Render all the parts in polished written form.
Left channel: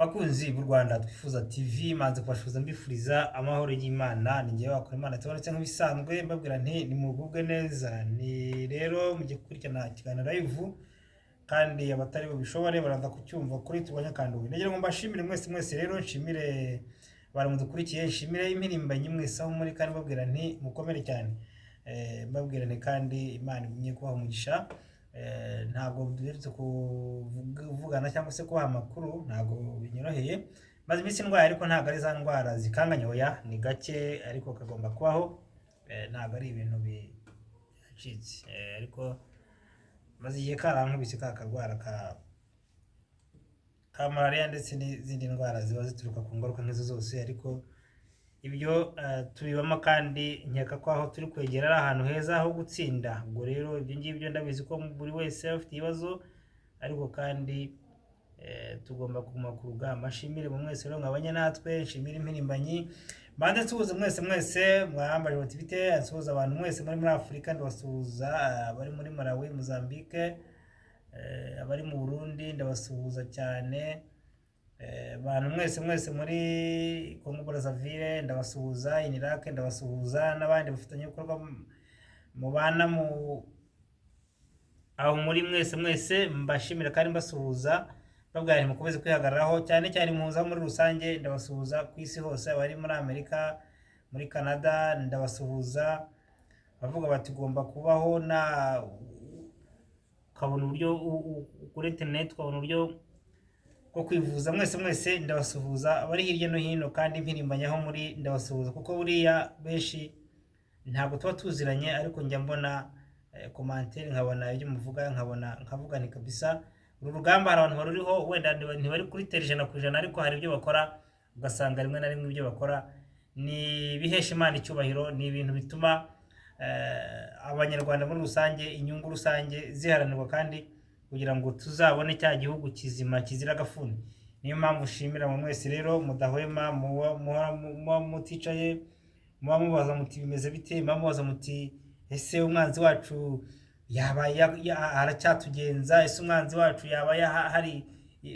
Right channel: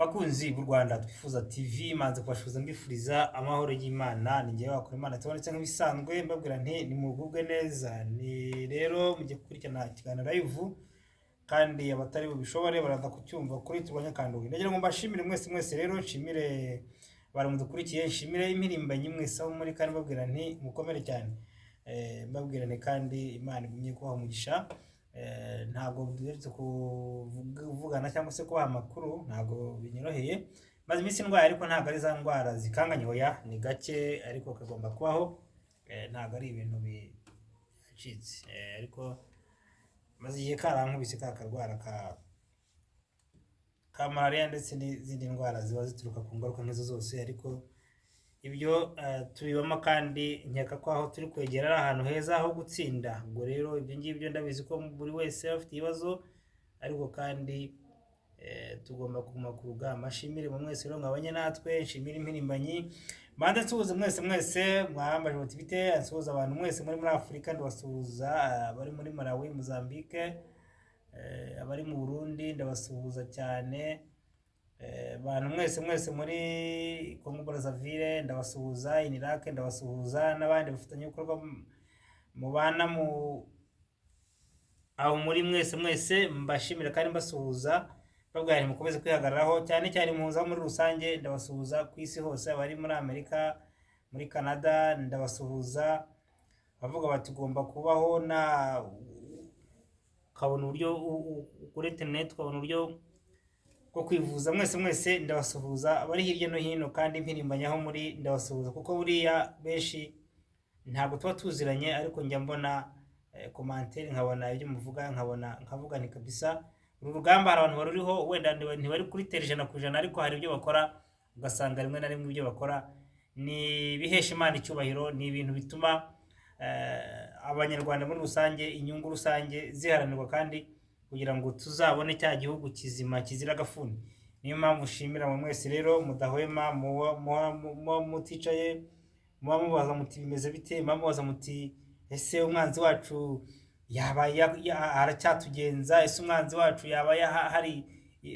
Bakunzi b'u Rwanda Twifuza TV manze kubashuza mbifuriza amahoro y'Imana ni ngewe wakora Imana tubonetse nk'ibisanzwe mbabwira nti ni mugubwe neza ni rero mujye kurikirana ikiganiro live kandi abatari bubishobore baraza kucyumva kuri Turwanya Kanduye. Ndagira ngo mbashimire mwese rero nshimire baramudukurikiye nshimire impirimbanyi mwese aho muri kandi mbabwira nti mukomere cyane mbabwira nti kandi Imana igumye kubaha umugisha. Ntabwo duherutse kuvugana cyangwa se kubaha amakuru ntabwo binyoroheye maze iminsi ndwaye ariko ntabwo ari za ndwara zikanganye oya ni gake ariko kagomba kubaho ntabwo ari ibintu bicitse ariko maze igihe karankubise ka karwara ka malaria ndetse n'izindi ndwara ziba zituruka ku ngaruka nk'izo zose ariko ibyo tubibamo kandi nkeka ko aho turi kwegera ari ahantu heza ho gutsinda. Ubwo rero ibyo ngibyo ndabizi ko buri wese afite ibibazo ariko kandi tugomba kuguma ku rugamba. Nshimire mu mwese rero mwabanye natwe nshimire impirimbanyi mbanze nsuhuza mwese mwambaje motivite nsuhuza abantu mwese muri Afurika ndabasuhuza abari muri Malawi Mozambique abari mu Burundi ndabasuhuza cyane abantu mwese muri Congo Brazzaville ndabasuhuza in Iraq ndabasuhuza n'abandi bafitanye ibikorwa mu bana mu aho muri mwese mbashimira kandi mbasuhuza babwira mukomeze kwihagararaho cyane muza muri rusange ndabasuhuza ku isi hose abari muri Amerika muri Canada ndabasuhuza bavuga bati gomba kubaho na kabona uburyo kuri internet kabona uburyo ko kwivuza mwese ndabasuhuza abari hirya no hino kandi impirimbanyi aho muri ndabasuhuza kuko buriya benshi ntabwo tuba tuziranye ariko njya mbona commentaire nkabona ibyo muvuga nkavuga ni kabisa uru rugamba hari abantu baruriho wenda ntibari kuri ijana ku ijana ariko hari ibyo bakora ugasanga rimwe na rimwe ibyo bakora ni bihesha Imana icyubahiro ni ibintu bituma abanyarwanda muri rusange inyungu rusange ziharanirwa kandi kugira ngo tuzabone cya gihugu kizima kizira gafuni. Niyo mpamvu ushimira mu mwese rero mudahwema muticaye mubaza muti bimeze bite mubaza muti ese umwanzi wacu yaba aracyatugenza ese umwanzi wacu yaba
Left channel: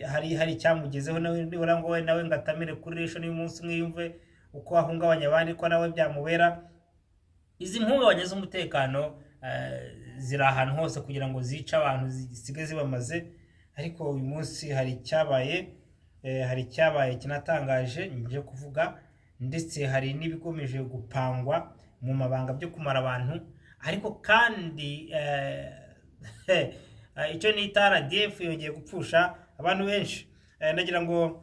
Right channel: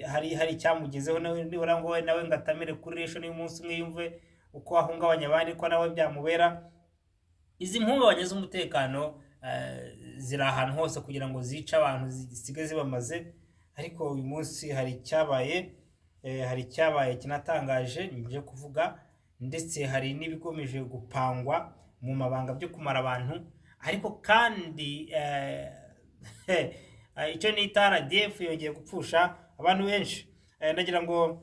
hari cyamugezeho nibura ngo nawe ngatamire kuri resho n'umunsi umwe yumve uko ahungabanya abandi ko nawe byamubera. Izi mpungabanya z'umutekano ziri ahantu hose kugira ngo zice abantu zisigaye zibamaze ariko uyu munsi hari icyabaye kinatangaje nje kuvuga ndetse hari n'ibigomeje gupangwa mu mabanga byo kumara abantu ariko kandi icyo nita RDF yongeye gupfusha abantu benshi. Ndagira ngo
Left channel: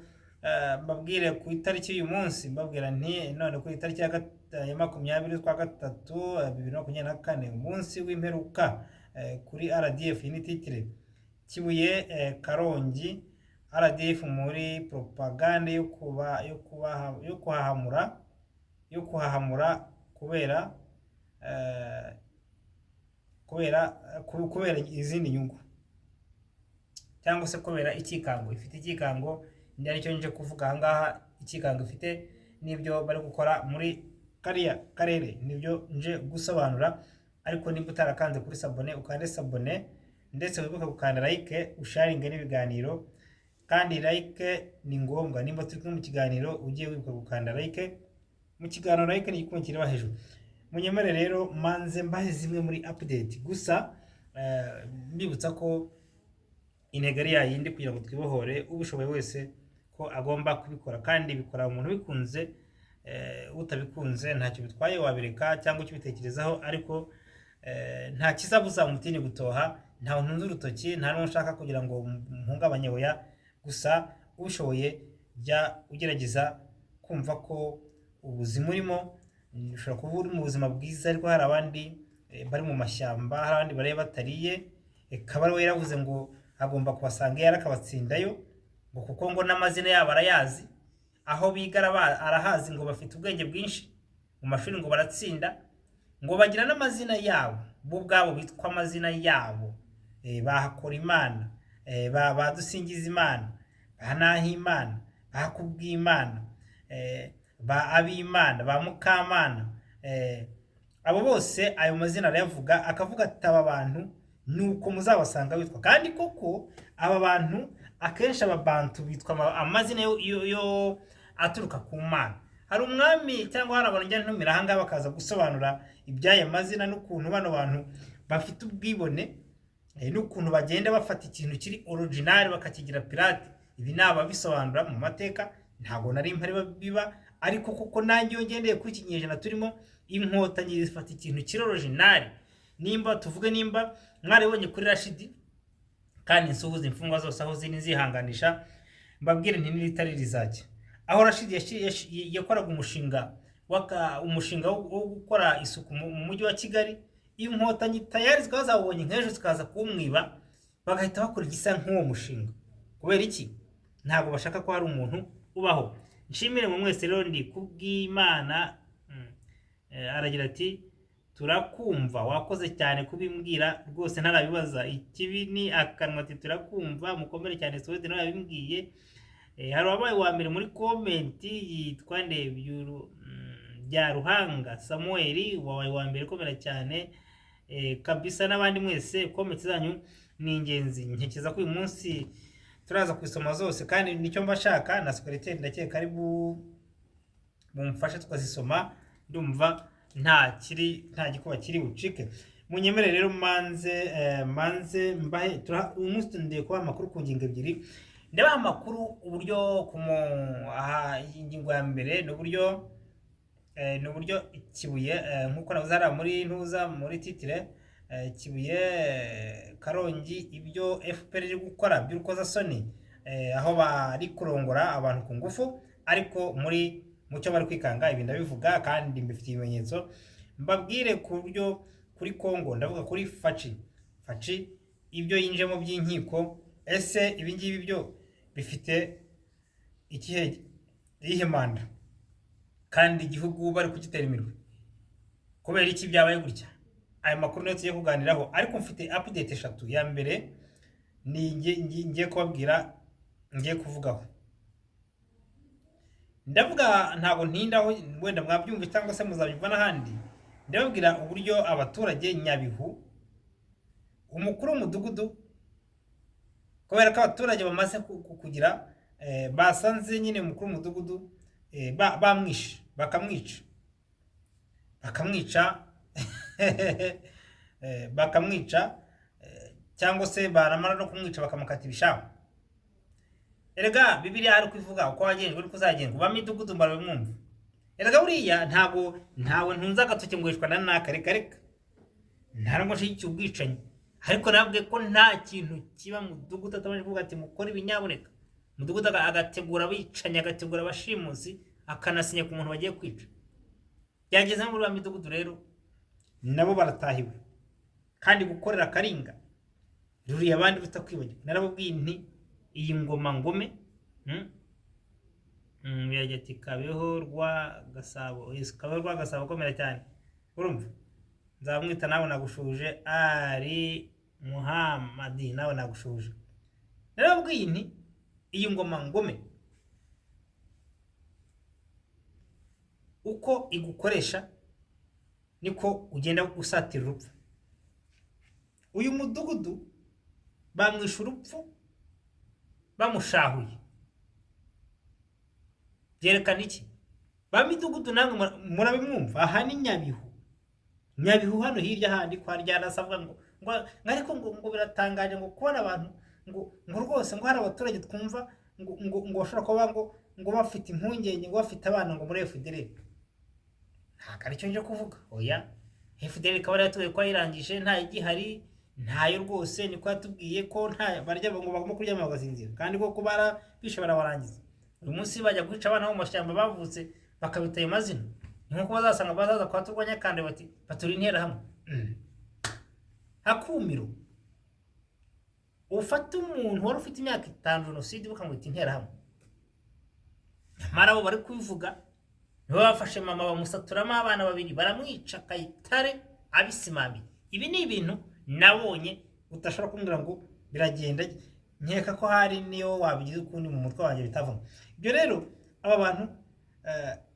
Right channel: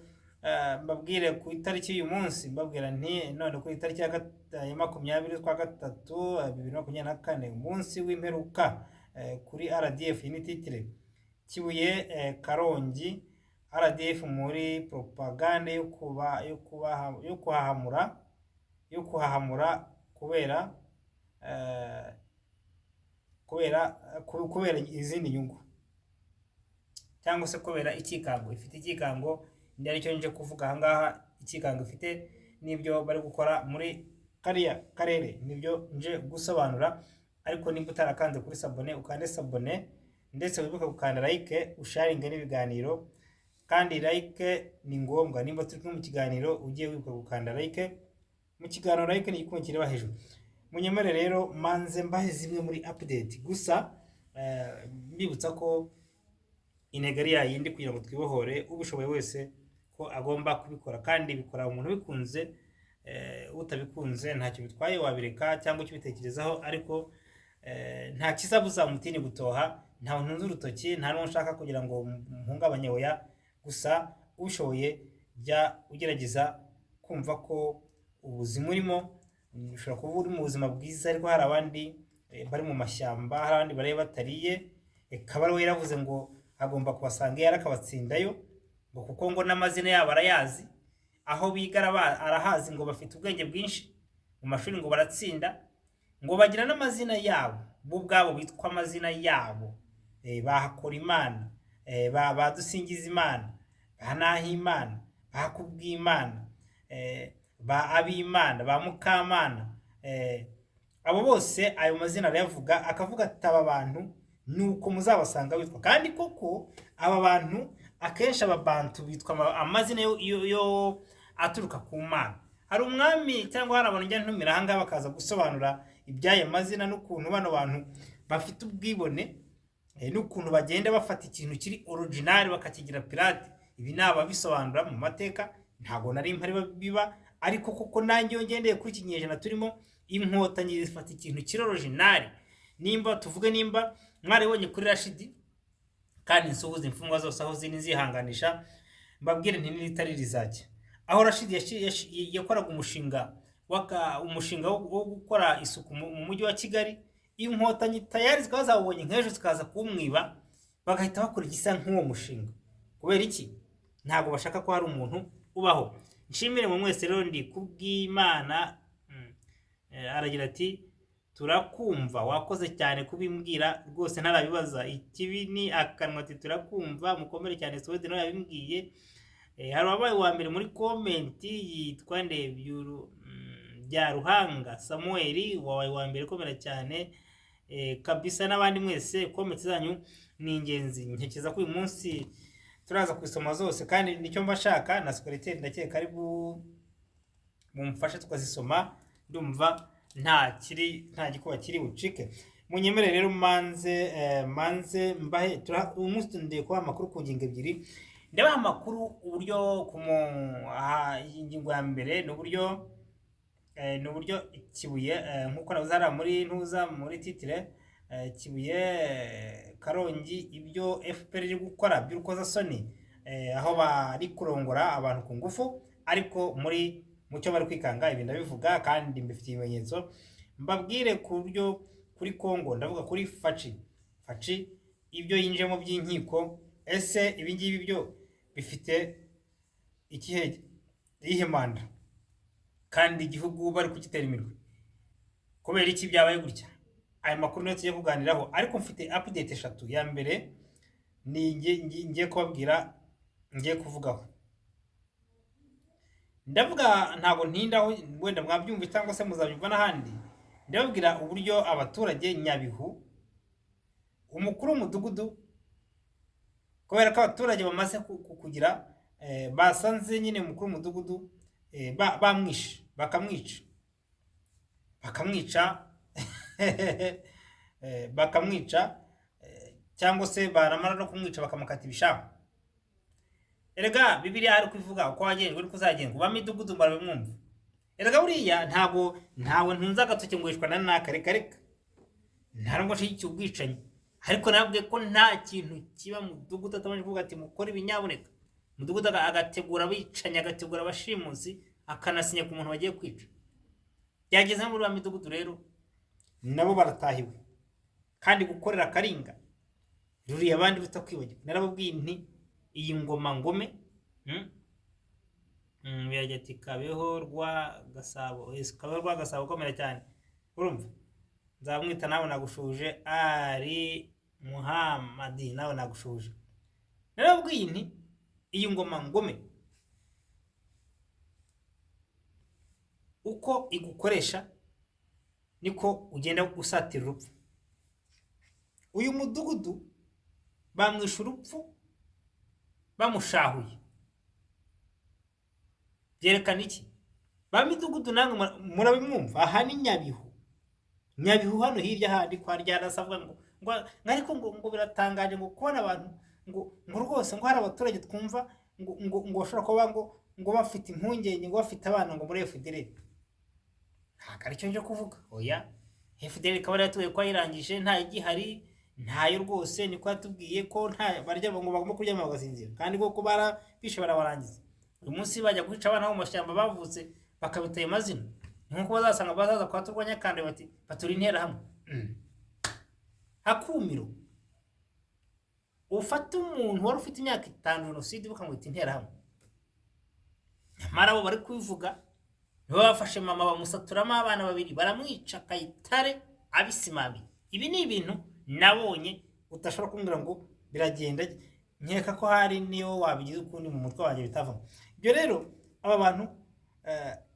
mbabwire ku itariki y'uyu munsi mbabwira nti none ku itariki ya 20/3/2024 umunsi w'imperuka kuri RDF ni titire Kibuye Karongi RDF muri propaganda yo kuhahamura kubera izindi nyungu cyangwa se kubera ikikango ifite ikikango ndi aricyo nje kuvuga ahangaha ikikango ifite nibyo bari gukora muri kariya karere nibyo nje gusobanura ariko nimba utarakanze kuri sabone ukande sabone ndetse wibuke gukanda like usharinge n'ibiganiro kandi like ni ngombwa nimba turi mu kiganiro ugiye wibuka gukanda like mu kiganiro like ni igikumwe kireba hejuru. Munyemere rero manze mbahe zimwe muri update gusa mbibutsa ko integari yindi kugira ngo twibohore ubushoboye wese ko agomba kubikora kandi bikora umuntu bikunze utabikunze ntacyo bitwaye wabireka cyangwa cyo bitekerezaho ariko nta kizabuza umutini gutoha nta ntunze urutoki nta n'ushaka kugira ngo mpungabanye oya gusa ubishoboye jya ugerageza kumva ko ubuzima urimo ushobora kuba uri mu buzima bwiza ariko hari abandi bari mu mashyamba hari abandi bari batariye kabari we yaravuze ngo agomba kubasanga yarakabatsindayo ngo kuko ngo n'amazina yabo arayazi aho bigara arahazi ngo bafite ubwenge bwinshi mu mashuri ngo baratsinda ngo bagira n'amazina yabo bo ubwabo bitwa amazina yabo bahakora Imana badusingiza Imana banahimana bakubwimana ba abimana ba mukamana abo bose ayo mazina arayavuga akavuga ati aba bantu nuko muzabasanga bitwa kandi koko aba bantu akenshi ababantu bitwa amazina yo aturuka ku mana. Hari umwami cyangwa hari abantu njya ntumira ahangaha bakaza gusobanura iby'aya mazina n'ukuntu bano bantu bafite ubwibone, n'ukuntu bagenda bafata ikintu kiri original bakakigira pirate. Ibi ni ababisobanura mu mateka, ntabwo nari mpari biba, ariko kuko nanjye iyo ngendeye kuri iki kinyejana turimo, inkotanyi zifata ikintu kiri original. Nimba tuvuge, nimba mwaribonye kuri Rashidi, kandi nsuhuza imfungwa zose aho ziri nzihanganisha, mbabwire nti n'iritari rizajya. Aho Rashidi yakoraga umushinga wo gukora isuku mu mujyi wa Kigali, inkotanyi tayari zikaba zabonye nk'ejo zikaza kumwiba, bagahita bakora igisa nk'uwo mushinga. Kubera iki? Ntabwo bashaka ko hari umuntu ubaho. Nshimire mu mwese rero ndi kubw'Imana. Aragira ati turakumva, wakoze cyane kubimbwira rwose ntarabibaza, ikibi ni akanwa. Ati turakumva, mukomere cyane, Suwede nawe yabimbwiye. Hari wabaye wa mbere muri komenti yitwa Ndebyuru bya Ruhanga Samuel, wabaye wa mbere, komera cyane kabisa. N'abandi mwese komenti zanyu ni ingenzi, nkekeza ko uyu munsi turaza kwisoma zose, kandi nicyo mbashaka na secretary ndakeka ari mumfashe tukazisoma. Ndumva nta gikuba kiri bucike. Munyemere rero manze mbahe umunsi ndiye kuba amakuru ku ngingo ebyiri. Ndabaha amakuru uburyo ingingo ya mbere n'uburyo Kibuye, nkuko nabuzara muri titire, Kibuye Karongi, ibyo FPR iri gukora by'urukozasoni, aho bari kurongora abantu ku ngufu, ariko mucyo bari kwikanga. Ibi ndabivuga kandi mbifitiye ibimenyetso. Mbabwire ku buryo kuri Kongo, ndavuga kuri Faci ibyo yinjemo by'inkiko. Ese ibi ngibi byo bifite iyihe manda, kandi igihugu bari kugitera imirwe? Kubera iki byabaye gutya? Aya makuru niyo tugiye kuganiraho, ariko mfite update 3. Ya mbere ni ngiye kubabwira, ngiye kuvugaho. Ndavuga ntabwo ntindaho, wenda mwabyumva cyangwa se muzabyumva n'ahandi. Ndababwira uburyo abaturage Nyabihu, umukuru w'umudugudu, kubera ko abaturage bamaze kugira basanze nyine umukuru w'umudugudu bamwishe, bakamwica cyangwa se baramara no kumwica bakamukata ibishaka. Erega Bibiliya hari kuvuga uko wagenje uri kuzagenga ba midugudu barabimwumva. Erega buriya ntawe ntunza agatoke ngwishwa na naka, reka ntarango shiki ubwicanyi, ariko nabwe ko nta kintu kiba mu mudugudu atabanje kuvuga ati mukora ibinyaboneka. Mudugudu agategura abicanye, agategura abashimusi, akanasinya ku muntu bagiye kwica. Byageze muri ba midugudu rero nabo baratahiwe, kandi gukorera karinga ruriya abandi bitakwibagirwa. Narababwiye nti iyi ngoma ngome, yaje ati Kabeho rwa Gasabo, Kabeho rwa Gasabo komera cyane. Urumva nzamwita nawe nagushuje, ari Muhammadi nawe nagushuje. Narababwiye nti iyi ngoma ngome uko igukoresha niko ugenda usatira urupfu. Uyu mudugudu bamwisha urupfu bamushahuye. Byerekana iki? Ba midugudu nange murabimwumva. Aha ni Nyabihu hano hirya handi kwa Ryarasabwa ngo ariko ngo biratangaje ngo kubona abantu ngo rwose ngo hari abaturage twumva ngo bashobora kuba ngo bafite impungenge, ngo bafite abana ngo muri FDL. Nta cyo nje kuvuga. Oya, FDL kabari yatuye kwa irangije, nta igihari, ntayo rwose. Niko yatubwiye ko nta barya ngo bagomba kuryama bagasinzira, kandi koko bishe barabarangiza. Uyu munsi bajya kwica abana bo mu mashyamba bavutse bakabitaye amazina. Nkuko bazasanga bazaza kwa turwanya kandi bati baturi intera hamwe. Hakumiro ufata umuntu wari ufite imyaka 5 jenoside bakamwita intera hamwe. Nyamara bo bari kubivuga, nibo bafashe mama bamusaturamo abana babiri, baramwica Kayitare abisimami. Ibi ni ibintu nabonye utashobora kumbwira ngo biragenda. Nkeka ko hari niyo wabigize ukundi mu mutwe wanjye bitavamo. Ibyo rero aba bantu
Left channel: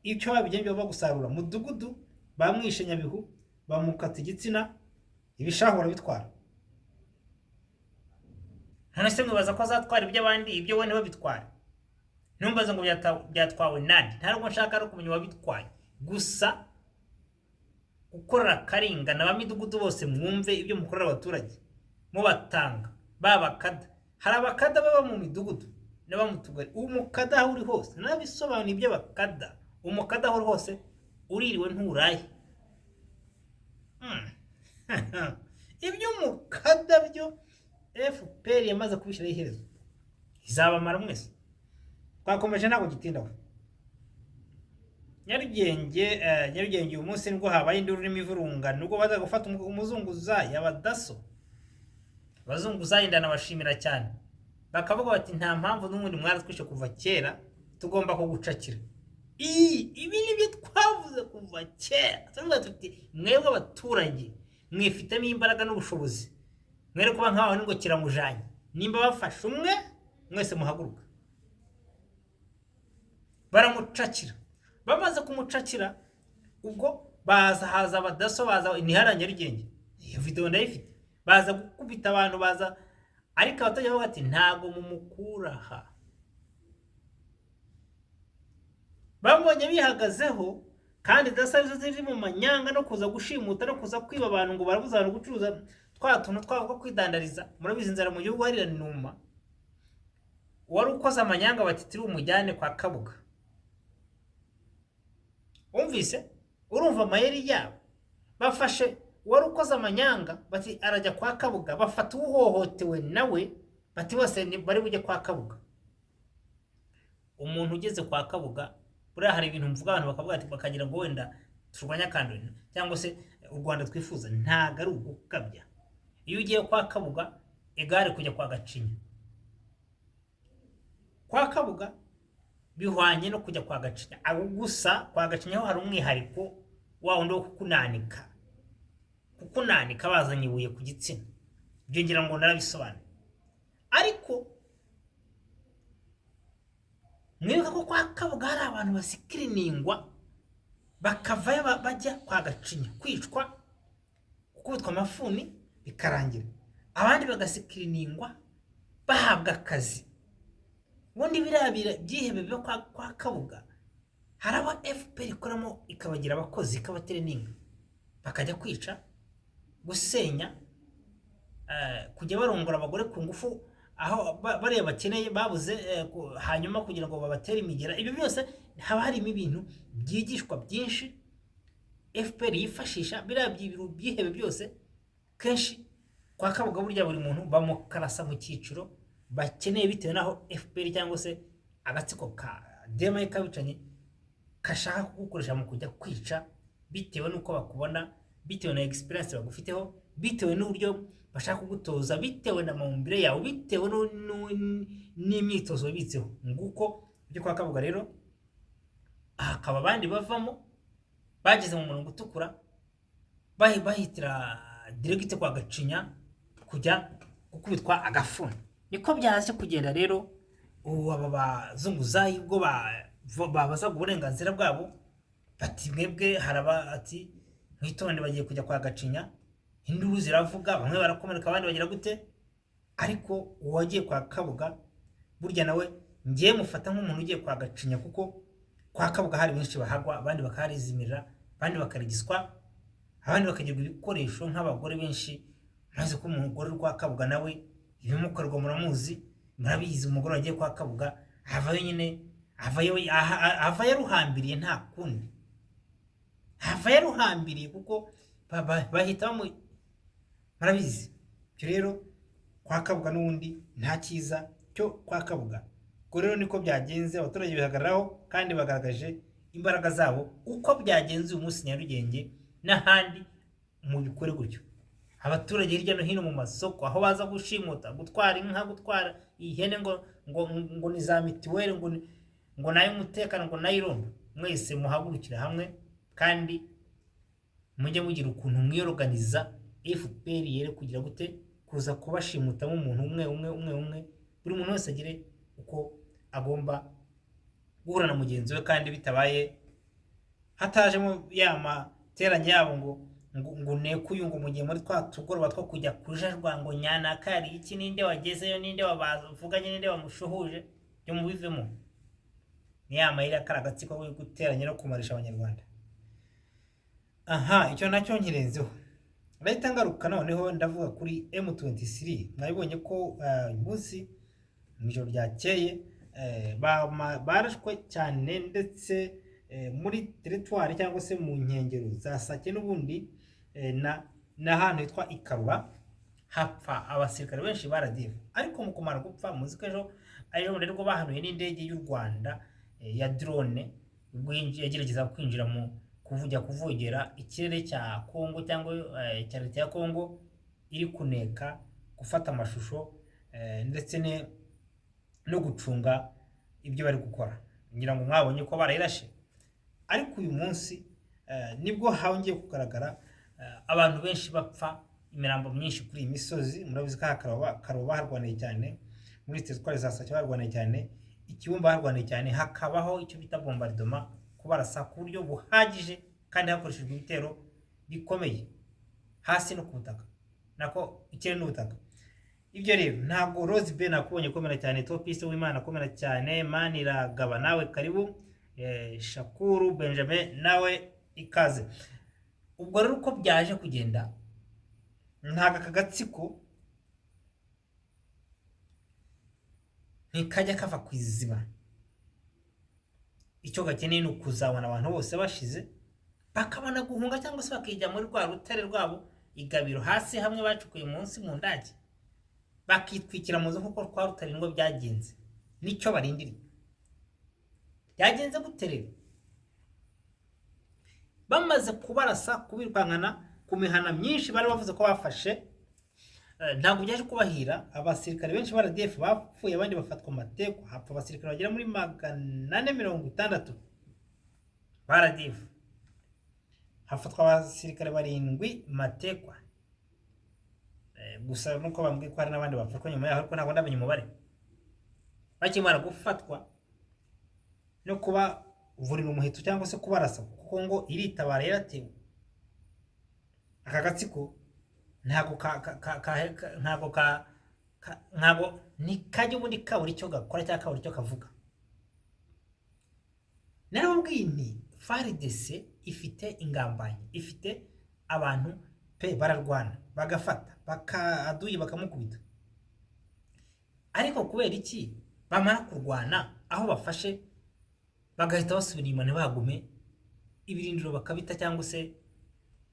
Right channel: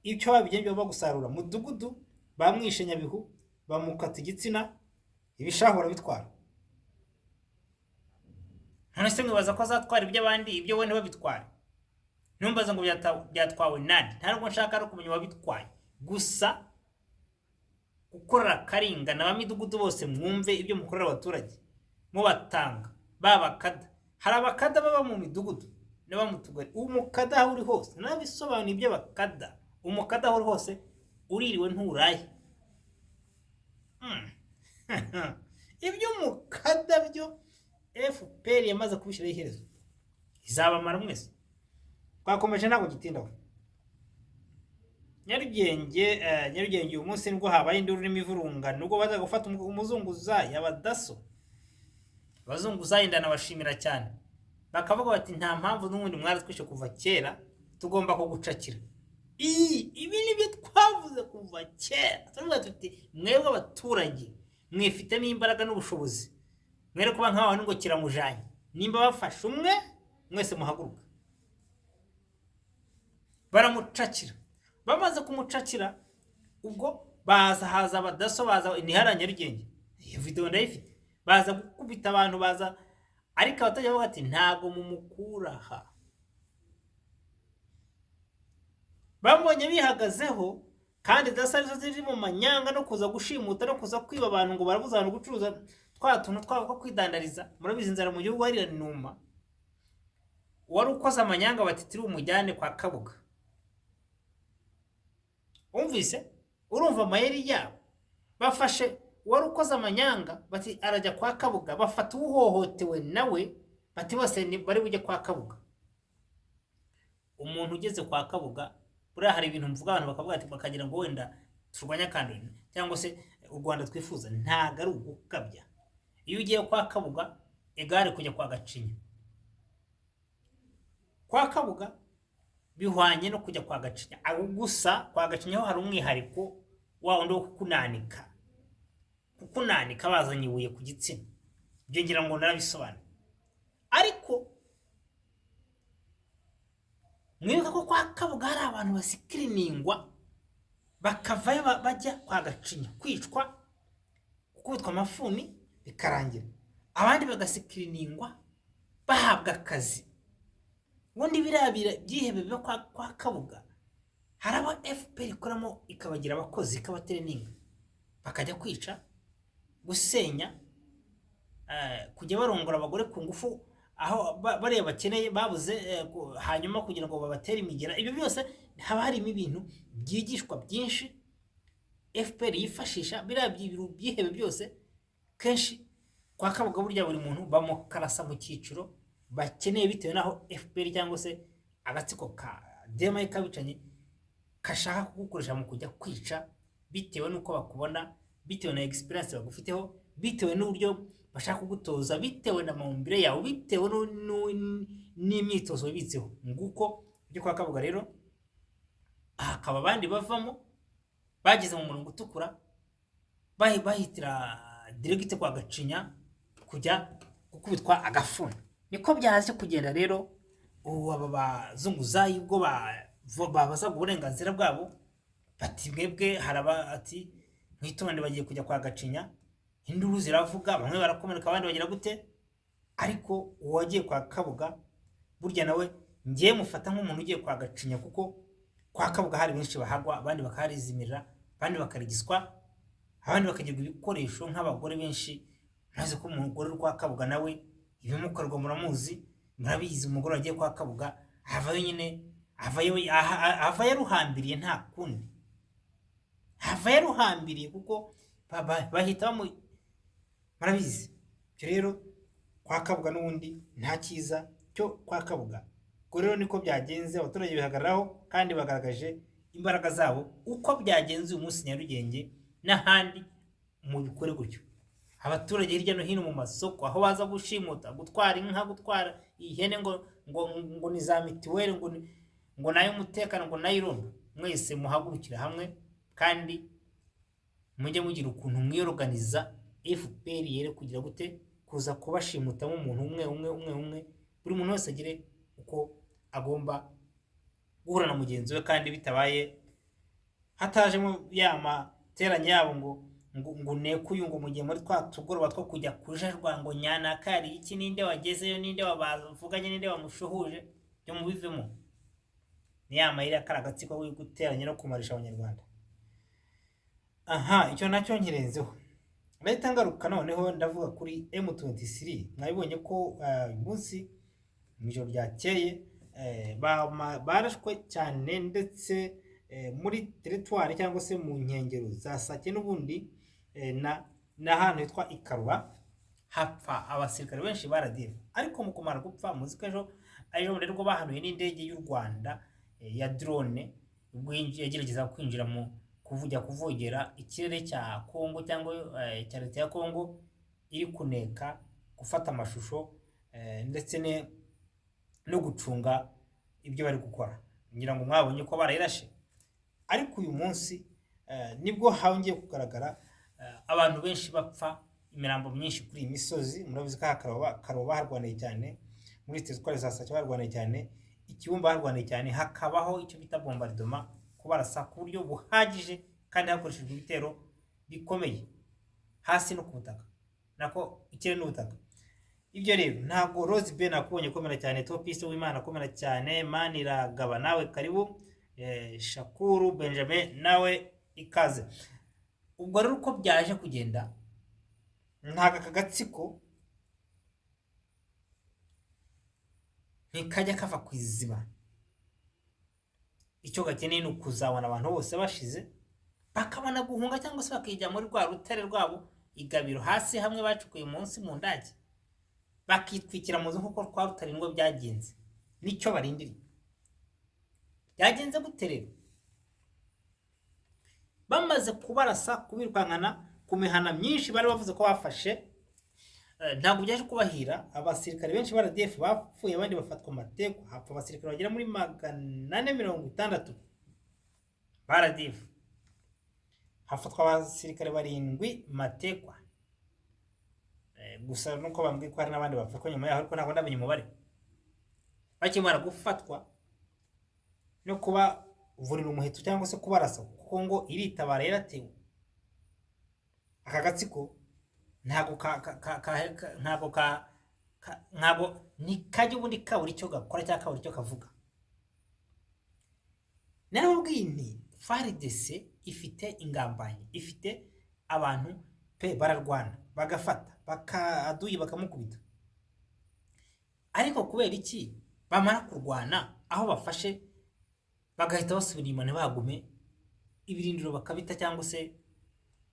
icyo babigenje bagusarura mudugudu, bamwishe Nyabihu, bamukata igitsina, ibishahura bitwara. none se mwibaza ko azatwara iby'abandi ibyo we ntibabitware? Ntumbaze ngo byatwawe nani, nta nubwo nshaka no kumenya uwabitwaye, gusa gukorera akaringa na bamidugudu bose mwumve ibyo mukorera abaturage mubatanga babakada. Hari abakada baba mu midugudu n'aba mu tugari. Umukada aho uri hose, nabisobanuye ibyo bakada. Umukada aho uri hose uririwe nturaye. Ibyo umukada byo FPR yamaze kubishyiraho iherezo, izabamara mwese. Twakomeje ntabwo gitindaho. Nyarugenge uyu munsi nibwo habaye induru n'imivurungano, nubwo baza gufata umuzunguzayi abadaso. Abazunguzayi ndanabashimira cyane, bakavuga bati nta mpamvu n'ubundi mwaratwishe kuva kera, tugomba kugucakira. Ibi nibyo twavuze kuva kera. Turavuga tuti mwebwe abaturage mwifitemo imbaraga n'ubushobozi, mwere kuba nk'abantu ngo kiramujanye. Nimba bafashe umwe mwese muhaguruka. Baramucakira. Bamaze kumucakira, ubwo haza abadaso, baza nihara Nyarugenge. Iyo video ndayifite. Baza gukubita abantu, baza, ariko abatajya bavuga ati ntago mumukuraha. Bambonye bihagazeho, kandi daso arizo ziri mu manyanga no kuza gushimuta no kuza kwiba abantu ngo barabuza abantu gucuruza twa tuntu twabo ko kwidandariza. Murabizi inzara mu gihugu hari numa. Wari ukoze amanyanga batitiri umujyane kwa Kabuga. Umvise? Urumva amayeri yabo. Bafashe wari ukoze amanyanga bati arajya kwa Kabuga, bafata uhohotewe nawe bati bose bari bujye kwa Kabuga. Umuntu ugeze kwa Kabuga, buriya hari ibintu mvuga abantu bakavuga ati bakagira ngo wenda turwanya kandoni cyangwa se u Rwanda twifuza, ntago ari ugukabya. Iyo ugiye kwa Kabuga egare kujya kwa Gacinya. Kwa Kabuga bihwanye no kujya kwa Gacinya, abo gusa kwa Gacinya ho hari umwihariko wa wundi wo kukunanika bazanye ibuye ku gitsina. Ibyo ngira ngo narabisobanura. Ariko mwibuka ko kwa Kabuga hari abantu basikiriningwa bakavayo bajya kwa Gacinya kwicwa, gukubitwa amafuni bikarangira, abandi bagasikiriningwa bahabwa akazi. Ubundi birabira byihebe byo kwa Kabuga hari aba FPR ikoramo ikabagira abakozi, ikabatereninga, bakajya kwica, gusenya, kujya barongora abagore ku ngufu aho bariya bakeneye babuze, hanyuma kugira ngo babatere imigera. Ibyo byose haba harimo ibintu byigishwa byinshi FPR yifashisha. Biriya byihebe byose kenshi kwa Kabuga burya buri muntu bamukarasa mu cyiciro bakeneye bitewe naho FPR cyangwa se agatsiko ka DMI kabicanye kashaka kugukoresha mu kujya kwica, bitewe nuko bakubona, bitewe na experience bagufiteho, bitewe n'uburyo bashaka kugutoza, bitewe na maumbire yawe, bitewe n'imyitozo bitseho. Nguko byo kwa Kabuga rero akaba abandi bavamo bageze mu murongo utukura, bahitira direct kwa Gacinya kujya gukubitwa agafuni. Niko byaje kugenda rero. Aba bazunguzayi ubwo babaza uburenganzira bwabo bati mwebwe haraba ati mwitonde, bagiye kujya kwa Gacinya. Induru ziravuga, bamwe barakomereka abandi bagira gute. Ariko uwagiye kwa Kabuga burya nawe ngiye mufata nk'umuntu ugiye kwa Gacinya, kuko kwa Kabuga hari benshi bahagwa, abandi bakarizimirira, abandi bakarigiswa, abandi bakagirwa ibikoresho nk'abagore benshi. Maze ko umugore kwa Kabuga nawe ibimukorwa muramuzi, murabizi. Umugore wagiye kwa Kabuga avayo nyine, avayo ruhambiriye, nta kundi avayo ruhambiriye, kuko bahita murabizi. Cyo rero kwa Kabuga n'ubundi nta cyiza cyo kwa Kabuga. Ko rero niko byagenze, abaturage bihagararaho kandi bagaragaje imbaraga zabo. Uko byagenze uyu munsi Nyarugenge n'ahandi mu bikore gutyo. Abaturage hirya no hino mu masoko aho baza gushimuta, gutwara inka, gutwara ihene, ngo ni za mitiweli, ngo nayo umutekano, ngo nayo irondo. Mwese muhagurukira hamwe kandi mujye mugira ukuntu mwiyorganiza. FPR yere kugira gute kuza kubashimutamo umuntu umwe. Buri muntu wese agire uko agomba guhura na mugenzi we, kandi bitabaye hatajemo yama teranya yabo ngo nekuye ngo mu gihe muri twa tugoroba two kujya kujarwa ngo nyanaka yari iki, ninde wagezeyo, ninde wabavuganye, ninde wamushuhuje, byo mubivemo. Ni ya mayira kari agatsiko ko guteranya no kumarisha abanyarwanda. Aha, icyo nacyo nkirenzeho. Leta ngaruka noneho ndavuga kuri M23. Mwabibonye ko uyu munsi mu ijoro ryakeye barashwe cyane, ndetse muri teritwari cyangwa se mu nkengero za Sake n'ubundi n'ahantu hitwa Ikaruba hapfa abasirikare benshi ba RDF. Ariko mu kumara gupfa muzi ko ejo rero bahanuye n'indege y'u Rwanda ya drone ubwo yagerageza kwinjira mu kuvogera ikirere cya Kongo cyangwa cya leta ya Kongo, iri kuneka gufata amashusho ndetse no gucunga ibyo bari gukora. Ngira ngo mwabonye ko barayirashe. Ariko uyu munsi nibwo hongeye kugaragara abantu benshi bapfa, imirambo myinshi kuri iyi misozi. Murabizi ko Karoba harwaniye cyane, muri teritwari za Sake harwaniye cyane, Ikibumba harwaniye cyane, hakabaho icyo bita bombardement, kubarasa ku buryo buhagije kandi hakoreshejwe ibitero bikomeye hasi no ku butaka, nako ikirere n'ubutaka. Ibyo rero ntabwo Rose Ben nakubonye komera cyane, Topiste w'Imana komera cyane, Maniragaba nawe karibu, Shakuru Benjamin nawe ikaze. Ubwo rero uko byaje kugenda, ntaga kagatsiko ntikajya kava ku iziba. Icyo gakeneye ni ukuzabona abantu bose bashize, bakabona guhunga cyangwa se bakijya muri rwa rutare rwabo Igabiro hasi hamwe bacukuye munsi mu ndage, bakitwikira mu nzu kuko rwa rutare ngo byagenze. Nicyo barindiriye. Byagenze gute rero? Bamaze kubarasa, kubirwankana ku mihana myinshi bari bavuze ko bafashe, ntabwo byaje kubahira. Abasirikare benshi ba RDF bapfuye, abandi bafatwa amateko, hapfa abasirikare bagera muri 460 ba RDF, hafatwa abasirikare 7 matekwa. Gusa nuko bambwiye ko hari n'abandi bafatwa nyuma yaho, ariko ntabwo ndamenye umubare. Bakimara gufatwa no kuba vurira umuheto cyangwa se kubarasa, kuko ngo iritabara yaratewe. Aka gatsiko ntabwo ni kajya ubundi kabura icyo gakora cyangwa kabura icyo kavuga. Narababwiye nti FARDC ifite ingambanyi, ifite abantu pe bararwana bagafata bakaduye bakamukubita. Ariko kubera iki bamara kurwana aho bafashe bagahita basubira inyuma ntibagume ibirindiro bakabita, cyangwa se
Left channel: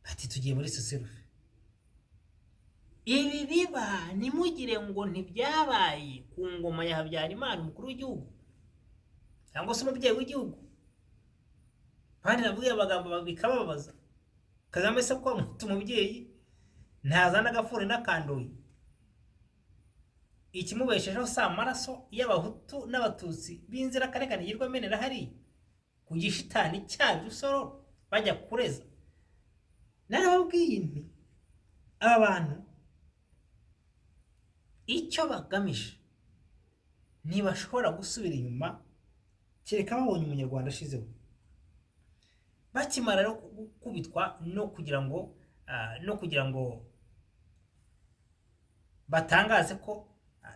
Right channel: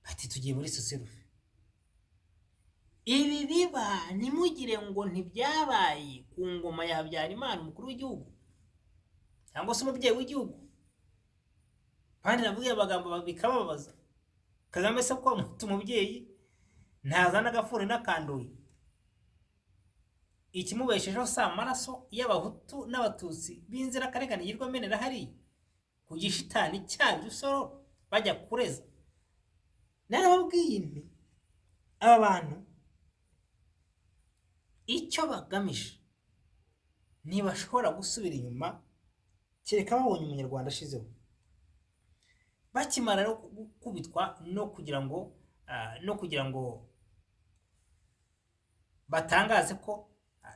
bati tugiye muri Suserufe? Ibi biba nimugire ngo ntibyabaye ku ngoma ya Habyarimana umukuru w'igihugu cyangwa se umubyeyi w'igihugu. Kandi navuye amagambo bikababaza. Kagame se ko umubyeyi ntazana agafuni n'akandoyi, ikimubeshejeho si amaraso y'abahutu n'abatutsi b'inzirakarengane yirwa menera hari ku gishitani cya Rusoro bajya kureza. Narababwiye nti aba bantu icyo bagamije ntibashobora gusubira inyuma kereka babonye umunyarwanda ashizeho. Bakimara rero kubitwa no kugira ngo batangaze ko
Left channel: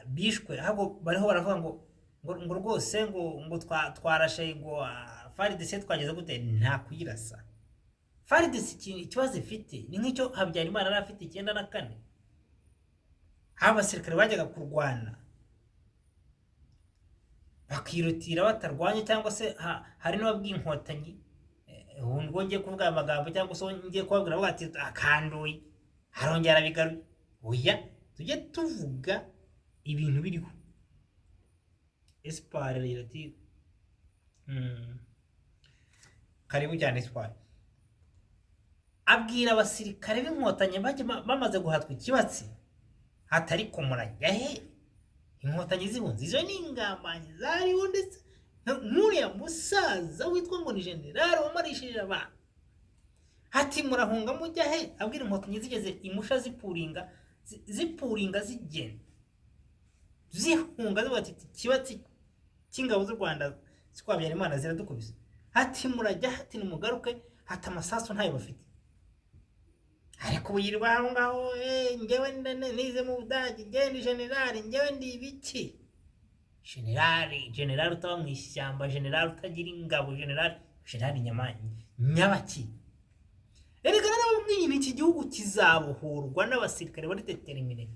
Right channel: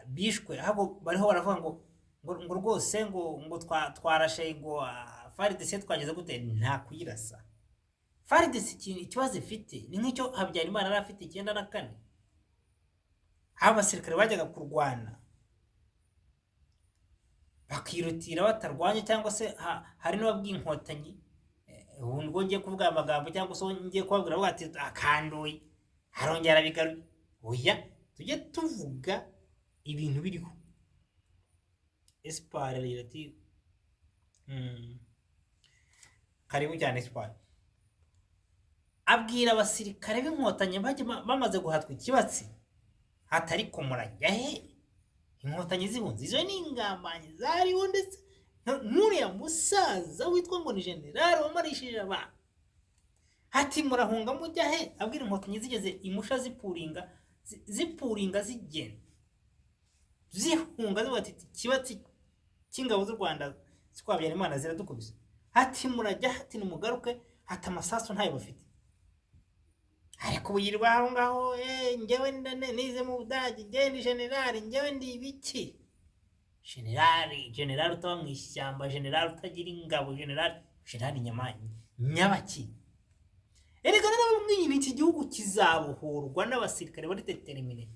bishwe, ahubwo bariho baravuga ngo rwose ngo twarashe ngo FARDC twageze gute. Nta kuyirasa. FARDC ikibazo ifite ni nk'icyo Habyarimana yari afite 94, aho abasirikare bajyaga kurwana bakirutira batarwanye, cyangwa se hari n'ababwiye inkotanyi, ubu ngo ngiye kuvuga amagambo cyangwa se ngiye kubabwira bati akandoye harongera bigaruye. Oya, tujye tuvuga ibintu biriho. Espoir ati karibu cyane Espoir. Abwira abasirikare b'inkotanyi bamaze guhatwa ikibatsi, hatari ko murajya he? Inkotanyi zibunze izo ni ingambanyi zariho, ndetse n'uriya musaza witwa ngo ni general wamarishije abantu. Hati murahunga mujya he? Abwira inkotanyi zigeze imusha zipuringa zigenda zihunga zibati kibatsi cy'ingabo z'u Rwanda zikwabya Imana ziradukubise. Hati murajya, hati numugaruke, hati amasasu ntayo bafite. ariko ubu yirirwa aho ngaho njyewe nize mu Budage, njyewe ni generali, njyewe ndi ibiki. Generali utaba mu ishyamba, generali utagira ingabo, generali nyabaki. Erega narababwiye iki gihugu kizabohorwa n'abasirikare bari determine,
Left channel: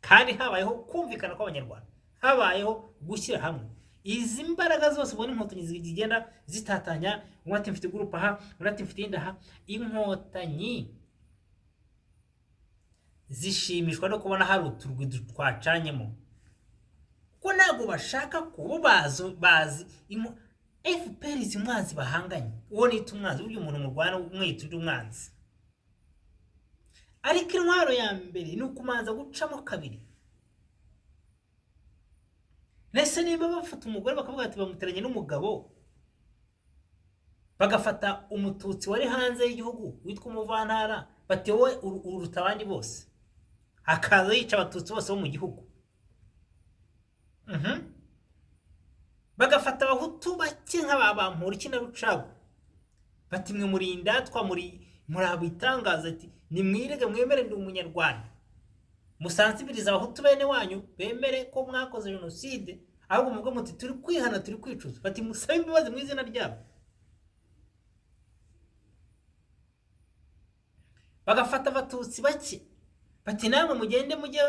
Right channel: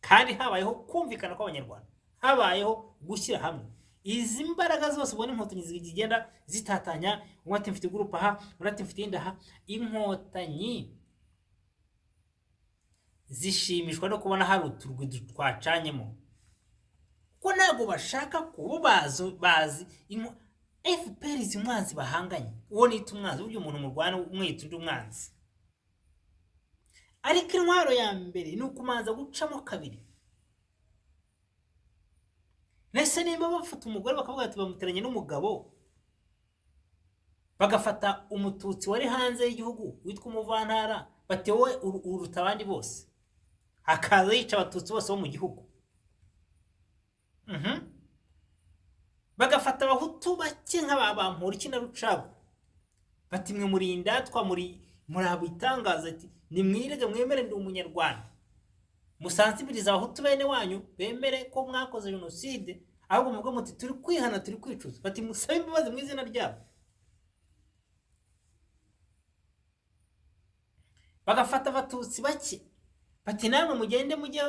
kandi habayeho kumvikana kw'abanyarwanda, habayeho gushyira hamwe. Izi mbaraga zose ubona inkotanyi zigenda zitatanya, umwe ati mfite groupe aha, undi ati mfite inda aha. Inkotanyi zishimishwa no kubona hari uturwi twacanyemo, ko ntabwo bashaka kuba bazi FPR izi umwanzi bahanganye. Uwo nita umwanzi, burya umuntu murwana umwita undi umwanzi. Ariko intwaro ya mbere ni ukumanza gucamo kabiri. Nese nimba bafata umugore bakavuga ati bamuteranye n'umugabo, bagafata umututsi wari hanze y'igihugu witwa umuvantara, bati wowe uruta abandi bose, akaza yica abatutsi bose bo mu gihugu. Bagafata abahutu bake nk'ababampura na Rucago, bati mwe muri indatwa, muri abitangaza, ati nimwirege mwemere ndi umunyarwanda, musansibiriza abahutu bene wanyu bemere ko mwakoze jenoside, ahubwo mubwo muti turi kwihana, turi kwicuza, bati musabe imbabazi mu izina ryabo. Bagafata abatutsi bake, bati namwe mugende mujye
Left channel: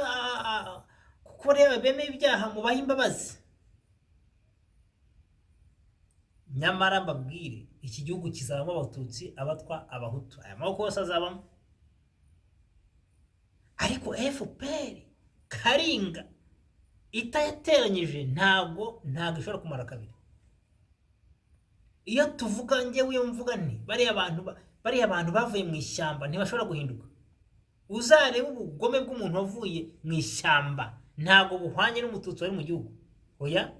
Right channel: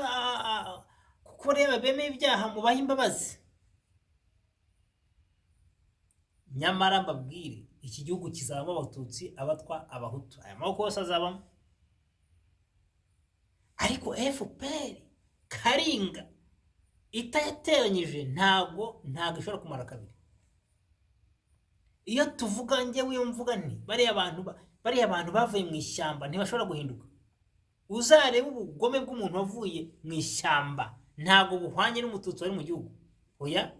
kuko reba bemeye ibyaha mubahe imbabazi. Nyamara mbabwire, iki gihugu kizabamo abatutsi, abatwa, abahutu, aya maboko yose azabamo. Ariko FPR Karinga itayateranyije ntago ishobora kumara kabiri. Iyo tuvuga njyewe, iyo mvuga nti bariya abantu bavuye mu ishyamba ntibashobora guhinduka. Uzarebe ubugome bw'umuntu wavuye mu ishyamba ntago buhwanye n'umututsi wari mu gihugu. Oya,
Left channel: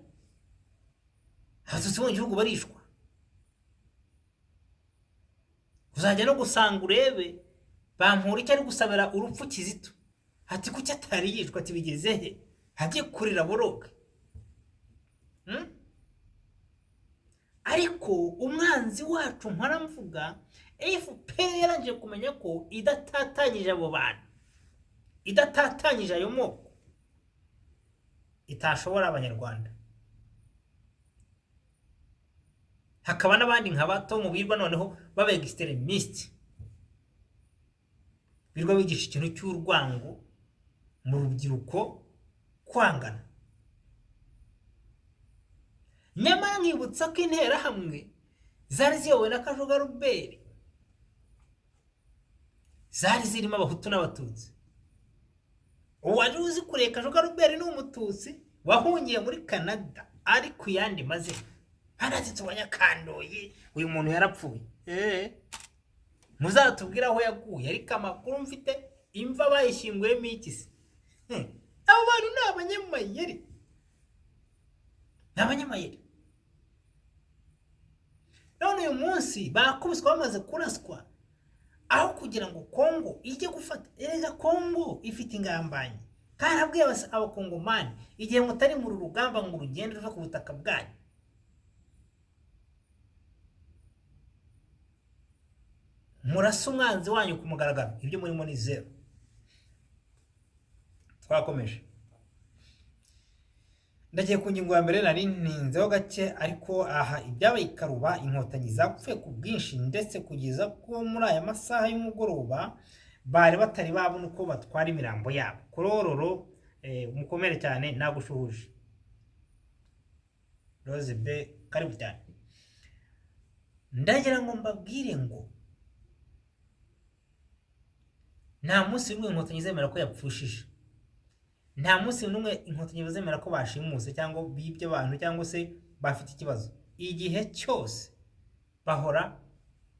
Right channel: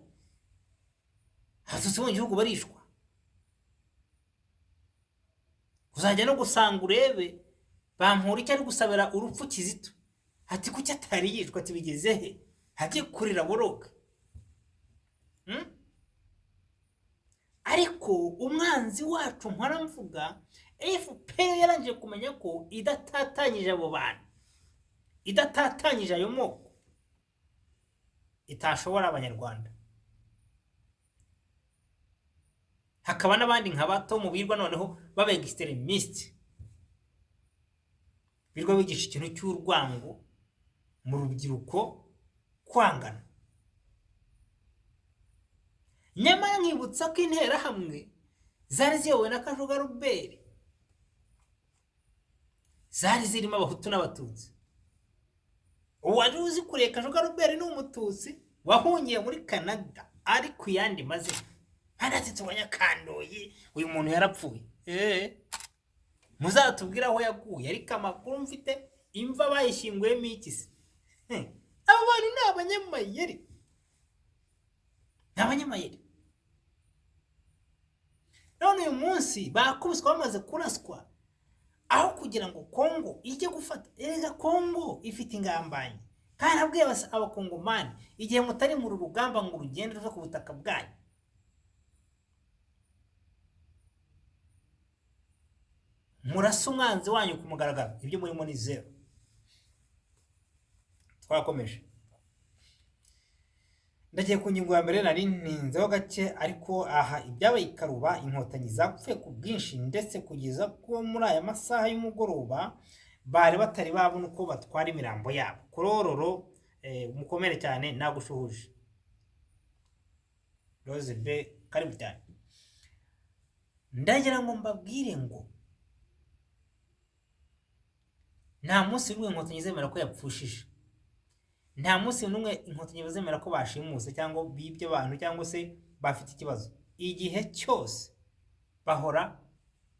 abatutsi mu gihugu barishwa. Uzajya no gusanga urebe bampura icyo ari gusabira urupfu Kizito, ati kuki atari yishwa, ati bigeze he, hagiye kurira boroga. Ariko umwanzi wacu mpora mvuga, FPR yarangije kumenya ko idatatanyije abo bantu, idatatanyije ayo moko, itashobora abanyarwanda. Hakaba n'abandi nka bato mu birwa noneho baba extremist, birwa bigisha ikintu cy'urwango mu rubyiruko, kwangana. Nyamara nkibutsa ko interahamwe zari ziyobowe na Kajuga Robert, zari zirimo abahutu n'abatutsi. Uwari uzi kureka Kajuga Robert ni umututsi wahungiye muri Canada, ari ku yandi mazina, hanatitse Abanyakandoyi, uyu muntu yarapfuye. Muzatubwira aho yaguye, ariko amakuru mfite imva bayishyinguyemo iki se? Abo bantu ni abanyamayeri, none uyu munsi bakubiswe bamaze kuraswa, aho kugira ngo Kongo ijye gufata. Erega Kongo ifite ingambanyi, kandi abwiye abakongomani, igihe mutari mu rugamba ngo urugende ruve ku butaka bwanyu, murasa umwanzi wanyu ku mugaragaro, ibyo murimo ni zero. Twakomeje, ndagiye ku ngingo ya mbere nari ntinzeho gake, ariko aha ibyabaye i Karuba, inkotanyi zapfuye ku bwinshi, ndetse kugeza ko muri aya masaha y'umugoroba bari batari babona uko batwara imirambo yabo. Korororo, mukomere cyane, nagushuhuje. Rose B, karibu cyane. Ndagira ngo mbabwire ngo nta munsi n'umwe inkotanyi zemera ko yapfushije, nta munsi n'umwe inkotanyi zemera ko bashimuse cyangwa bibye abantu cyangwa se bafite ikibazo. Igihe cyose bahora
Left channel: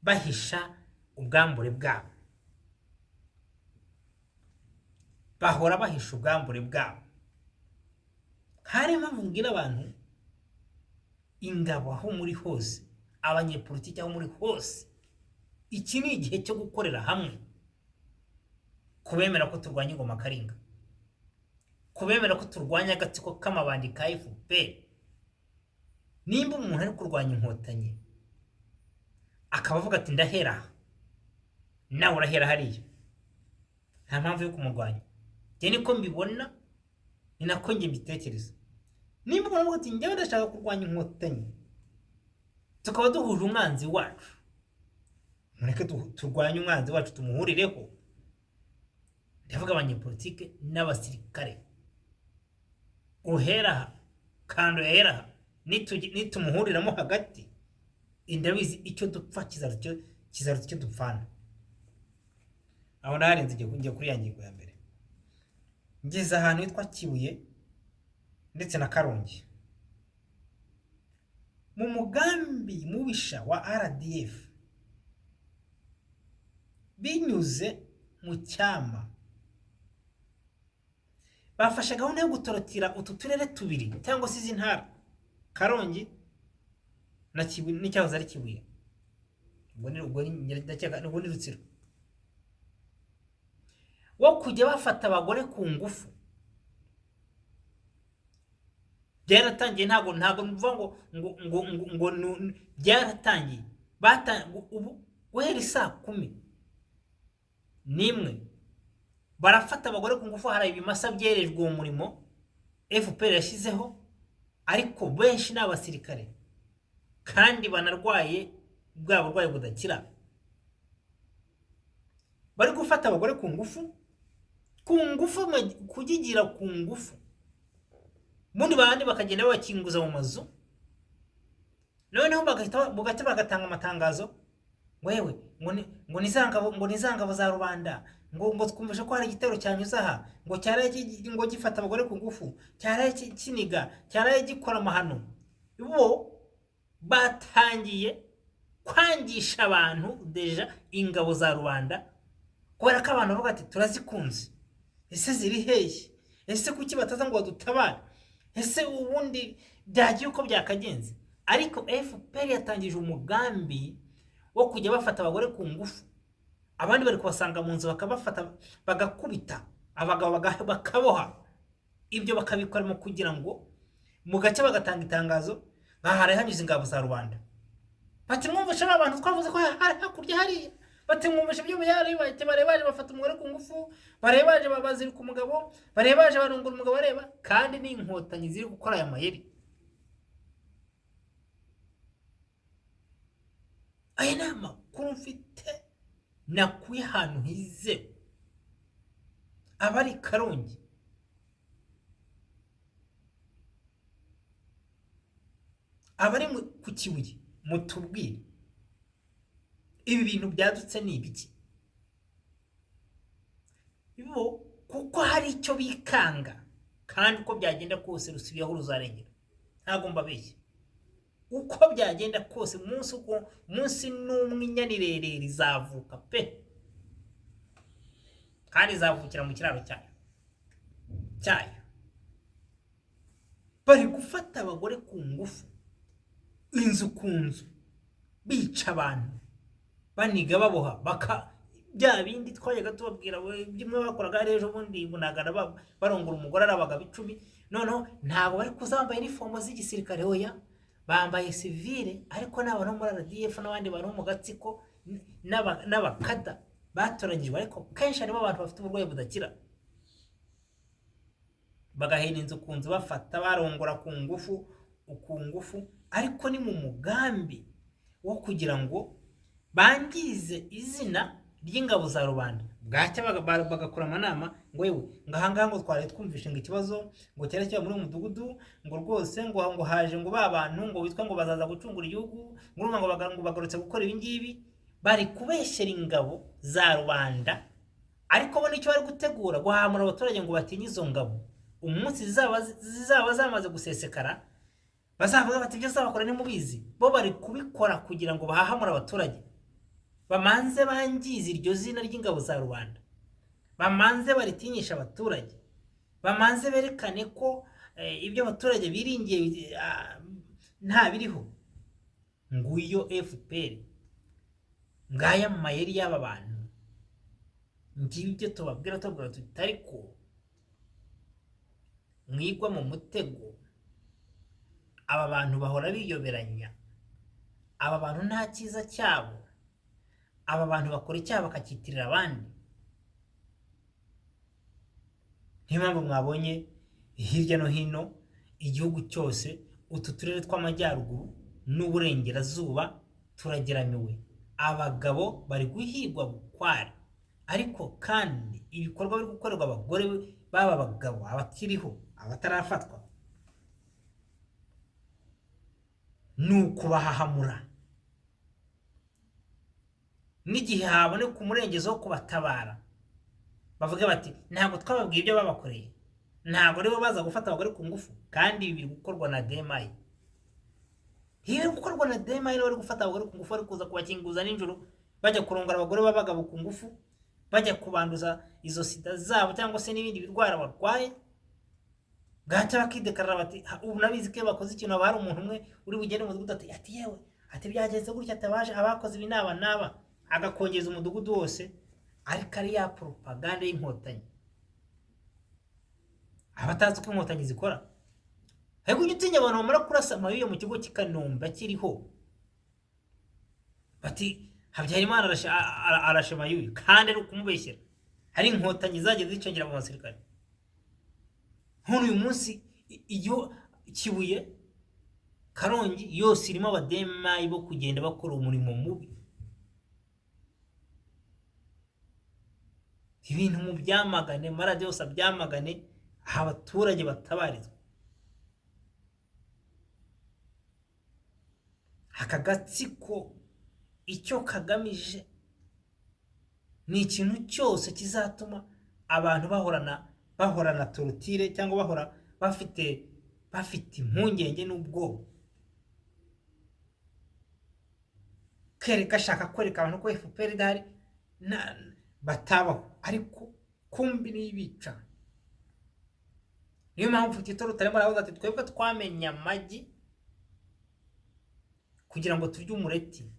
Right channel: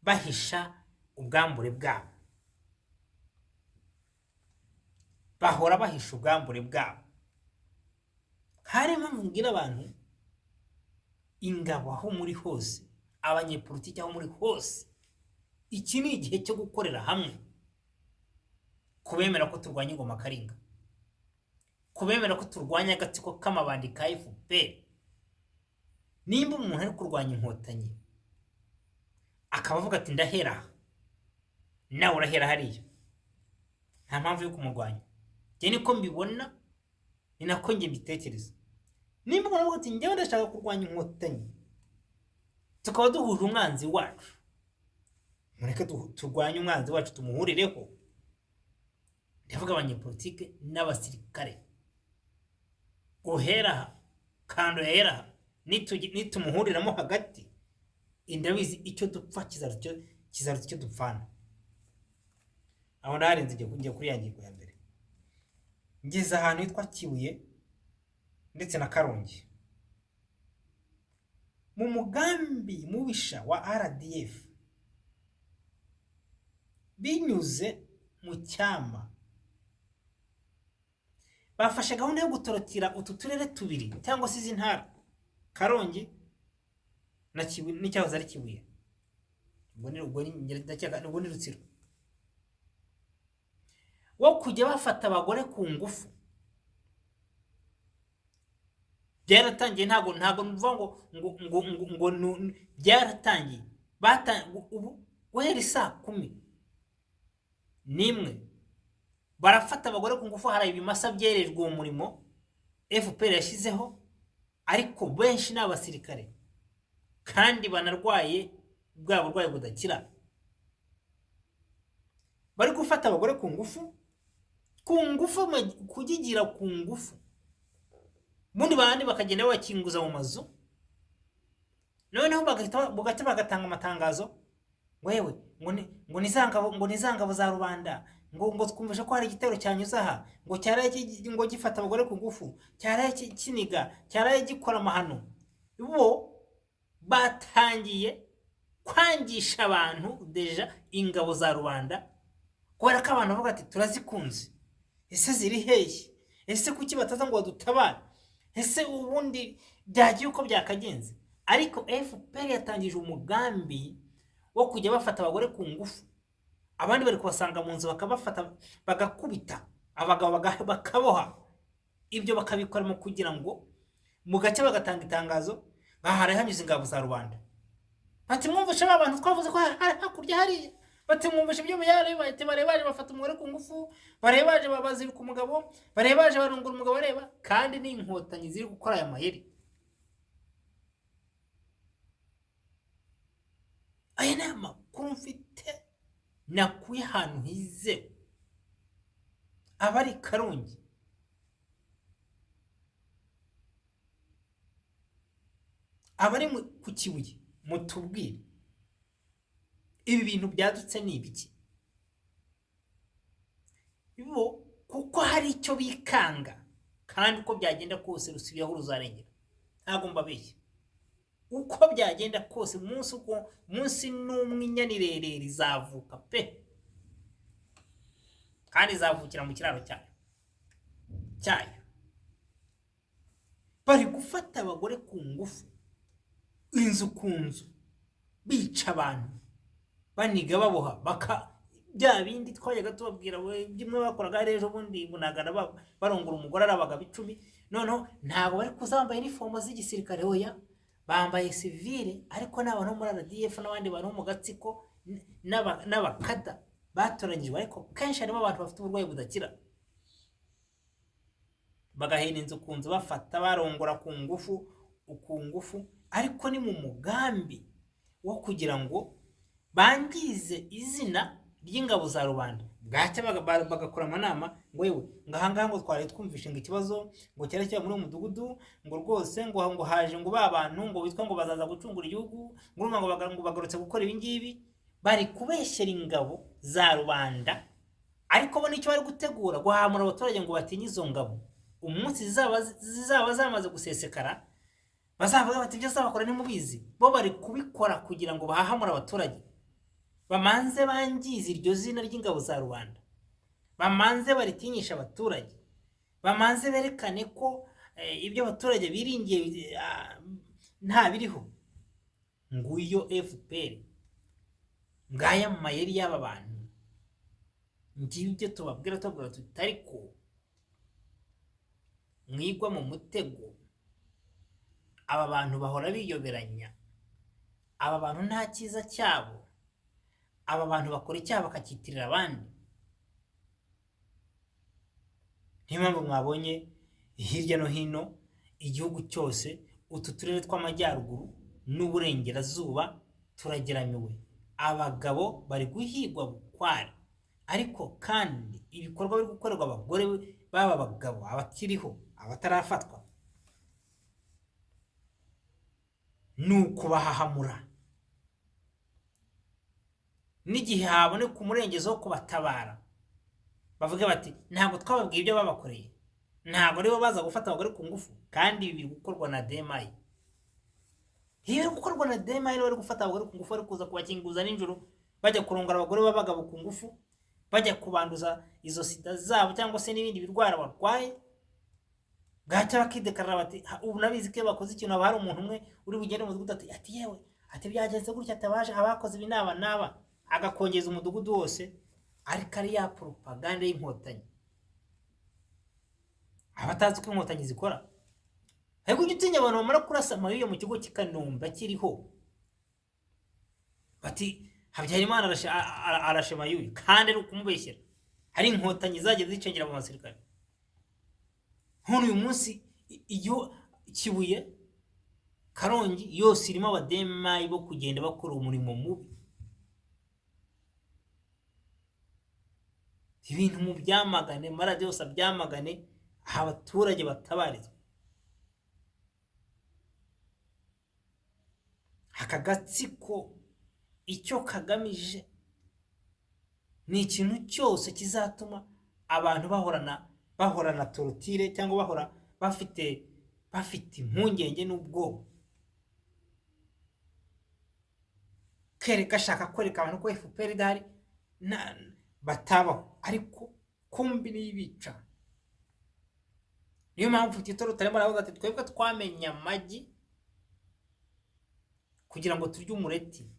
bahisha ubwambure bwabo, bahora bahisha ubwambure bwabo. Hari impamvu mbwira abantu, ingabo aho muri hose, abanyepolitiki aho muri hose, iki ni igihe cyo gukorera hamwe, kubemera ko turwanya ingoma Karinga, kubemera ko turwanya agatsiko k'amabandi ka FPR. Nimba umuntu ari kurwanya inkotanyi akaba avuga ati ndahera, nawe urahera hariya, nta mpamvu yo kumurwanya. Njye niko mbibona, ni nako njye mbitekereza. Nimba umuntu avuga ati njyewe ndashaka kurwanya inkotanyi, tukaba duhuje umwanzi wacu, mureke turwanye umwanzi wacu tumuhurireho. Ndavuga abanyepolitike n'abasirikare, uhera aha kando yahera aha, nitumuhuriramo hagati, ndabizi icyo dupfa kizaruta icyo dupfana. Aho ndaharenze njye kuri ya ngingo ya mbere. Ngeze ahantu hitwa Kibuye ndetse na Karongi, mu mugambi mubisha wa RDF, binyuze mu Cyama, bafashe gahunda yo gutorotira utu turere tubiri cyangwa se izi ntara, Karongi na Kibuye n'icyahoze ari Kibuye, ubwo ni Rutsiro, wo kujya bafata abagore ku ngufu. Byaratangiye, ntago mvuga ngo byaratangiye, ubu guhera saa 11 barafata abagore ku ngufu. Hari ibimasa byerejwe uwo murimo FPR yashyizeho, ariko benshi ni abasirikare kandi banarwaye bwa burwayi budakira. Bari gufata abagore ku ngufu, kugigira ku ngufu, mundi bandi bakagenda bakinguza mu mazu, noneho bagahita bagatanga amatangazo, wewe ngo nizangabo za rubanda, ngo twumvishe ko hari igitero cyanyuze aha, ngo cyaraye ngo gifata abagore ku ngufu, cyaraye kiniga, cyaraye gikora amahano. Bo batangiye kwangisha abantu deja ingabo za rubanda, kubera ko abantu bavuga ati turazikunze, ese ziri hehe, ese kuki bataza ngo badutabare, ese ubundi byagiye uko byakagenze. Ariko FPR yatangije umugambi wo kujya bafata abagore ku ngufu, abandi bari kubasanga mu nzu bakabafata bagakubita, abagabo bakaboha. Ibyo bakabikora mu kugira ngo mu gace bagatanga itangazo, bahare hanyuze ingabo za rubanda, bati mwumvishe abantu twavuze ko hakurya hariya, bati mwumvishe ibyo barebaje bafata umugore ku ngufu, barebaje babazirika umugabo, barebaje barungura umugabo, bareba. Kandi ni inkotanyi ziri gukora aya mayeri. Aya ni amakuru mfite nakuye ahantu hizewe. Abari Karongi, abari ku Kibuye, mutubwire ibi bintu byadutse ni ibiki? Bo kuko hari icyo bikanga, kandi uko byagenda kose rusubiyeho ruzarengera. Ntago mbabeshye, uko byagenda kose munsi n'umwe inyanirere rizavuka pe, kandi izavukira mu kiraro cyayo. Bari gufata abagore ku ngufu, inzu ku nzu, bica abantu, baniga baboha, bya bindi twajyaga tubabwira bimwe bakoraga ejo bundi bunagana barongora umugore arabaga 10. Noneho ntago bari kuzambaye uniform z'igisirikare, hoya bambaye civile, ariko n'abantu muri RDF n'abandi bantu mu gatsiko n'abakada batoranyijwe, ariko kenshi harimo abantu bafite uburwayi budakira. Bagahena inzu ku nzu, bafata barongora ku ngufu, ariko ni mu mugambi wo kugira ngo bangize izina ry'ingabo za rubanda. Bwacya bagakora amanama, ngo yewe ngahangaha ngo twari twumvishe ngo ikibazo ngo cyerekeye muri umudugudu, ngo rwose ngo haje ngo babantu ngo witwa ngo bazaza gucungura igihugu, ngo bagarutse gukora ibi ngibi. Bari kubeshyera ingabo za rubanda, ariko bo nicyo bari gutegura guhamura abaturage ngo batinye izo ngabo. Umunsi zizaba zamaze gusesekara, bazavuga bati ibyo zabakora ni mubizi. Bo bari kubikora kugira ngo bahahamura abaturage, bamanze bangize iryo zina ry'ingabo za rubanda, bamanze baritinyisha abaturage, bamanze berekane ko ibyo abaturage biringiye nta biriho. Nguyo FPR, ngaya mu mayeri y'aba bantu. Ngibyo tubabwira tutari ko mwigwa mu mutego. Aba bantu bahora biyoberanya, aba bantu nta cyiza cyabo, aba bantu bakora icyaha bakakitirira abandi. niyo mpamvu mwabonye hirya no hino igihugu cyose utu turere tw'amajyaruguru n'uburengerazuba turageramiwe, abagabo bari guhigwa bukware, ariko kandi ibikorwa biri gukorerwa abagore baba abagabo abakiriho abatarafatwa ni ukubahahamura, n'igihe haboneka umurengezi wo kubatabara bavuga bati ntabwo twababwiye ibyo babakoreye, ntabwo aribo baza gufata abagore ku ngufu, kandi ibi biri gukorwa na DMI. Iyo biri gukorwa na DMI bari gufata abagore ku ngufu, bari kuza kubakinguza nijoro, bajya kurongora abagore b'abagabo ku ngufu, bajya kubanduza izo sida zabo cyangwa se n'ibindi birwara barwaye, bwacya bakidekarara bati ubu nabizi ko bakoze ikintu, haba hari umuntu umwe uri bugende mu mudugudu ati yewe ati byagenze gutya, atabaje abakoze ibi n'aba, agakongeza umudugudu wose, ariko ari ya propaganda y'inkotanyi. Abatazi ko inkotanyi zikora, ariko ujya utinya abantu bamara kurasa amabiyo mu kigo cy'Ikanombe kiriho bati Habyarimana arashe Mayuyu, kandi ari ukumubeshyera, hari inkotanyi zagiye zicengera mu basirikare. Hano uyu munsi iyo Kibuye, Karongi yose irimo abademayi bo kugenda bakora umurimo mubi, ibintu mu byamagane, maradiyo yose byamagane, abaturage batabarizwa. Aka gatsiko icyo kagamije ni ikintu cyose kizatuma abantu bahorana torotire, cyangwa bahora bafite impungenge n'ubwoba, ashaka kwereka abantu ko FPR idahari batabaho, ariko kumbi nibica. Niyo mpamvu Tito Rutaremara aravuga ati twebwe twamenye amagi kugira ngo turye umureti.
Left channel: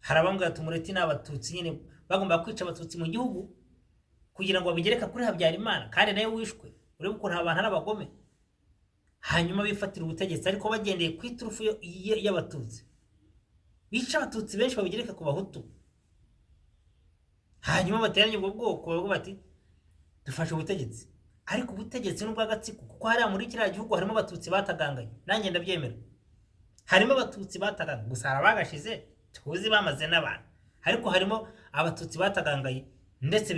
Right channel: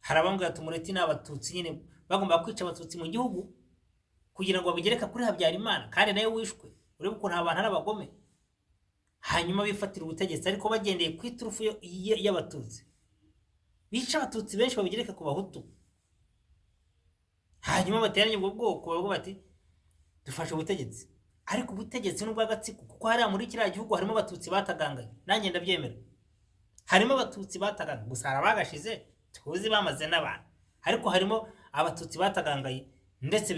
Harabambwira ati umureti n'abatutsi nyine bagomba kwica abatutsi mu gihugu kugira ngo babigereka kuri Habyarimana, kandi nayo wishwe, urebe ukuntu abantu ari abagome, hanyuma bifatira ubutegetsi ariko bagendeye ku iturufu y'abatutsi, bica abatutsi benshi babigereka ku bahutu, hanyuma bateranye ubwo bwoko bavuga bati dufashe ubutegetsi. Ariko ubutegetsi n'ubw'agatsiko, kuko hariya muri kiriya gihugu harimo abatutsi batagangaye, nanjye ndabyemera, harimo abatutsi batagangaye, gusa hari abagashize tuzi bamaze n'abantu, ariko harimo abatutsi batagangaye ndetse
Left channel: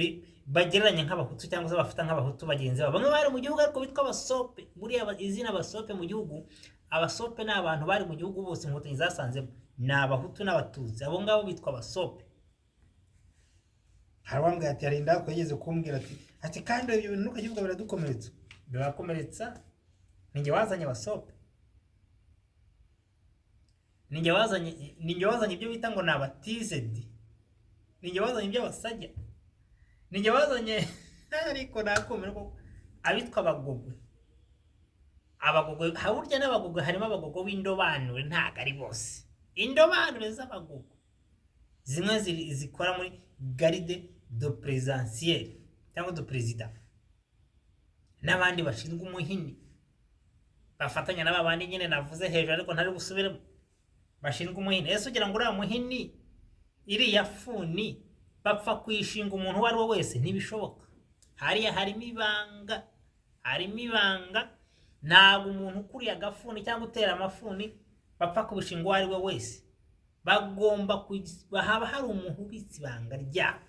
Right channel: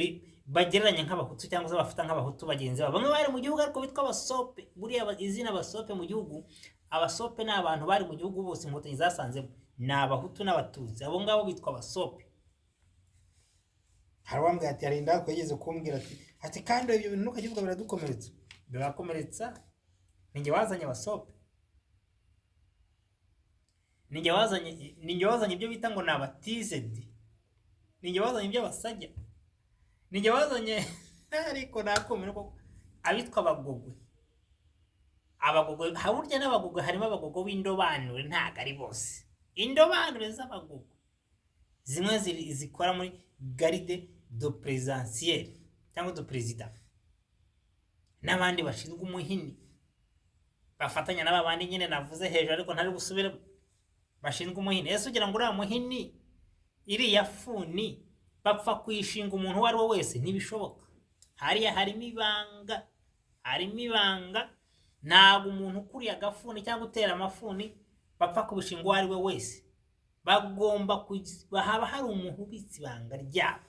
bagereranya nk'abahutu cyangwa se bafata nk'abahutu bagenzi babo, bamwe bari mu gihugu ariko bitwa abasope. Buriya izina abasope mu gihugu, abasope ni abantu bari mu gihugu bose inkotanyi zasanzemo, ni abahutu n'abatutsi, abo ngabo bitwa abasope. Harabambwira ati yarinda kwegeze kumbwira ati kandi ibyo bintu nukagivuga biradukomeretsa. Birakomeretsa? Ninjye wazanye abasope, ninjye wazanye ibyo bita ngo ni abatizedi, ninjye wazanye ibyo basajya, ninjye wazanye ariko nakumira ko abitwa abagogwe. Abagogwe haburya n'abagogwe harimo abagogwe b'indobanure, ntago ari bose. Indobanure z'abagogwe zimwe zikora muri garde de présidentielle cyangwa de président, n'abandi bashinzwe umuhini bafatanya n'abandi nyine navuze hejuru ariko ntari gusubiramo, bashinzwe umuhini. Ese ugira ngo uriya muhini iriya funi bapfa kwishinga umuntu uwo ari we wese? Ntibishoboka. Hariya harimo ibanga, ntabwo umuntu ukuriye agafuni cyangwa utera amafuni bapfa kubishinga uwo ari we wese, bagomba haba hari umuntu ubitse ibanga ryabo,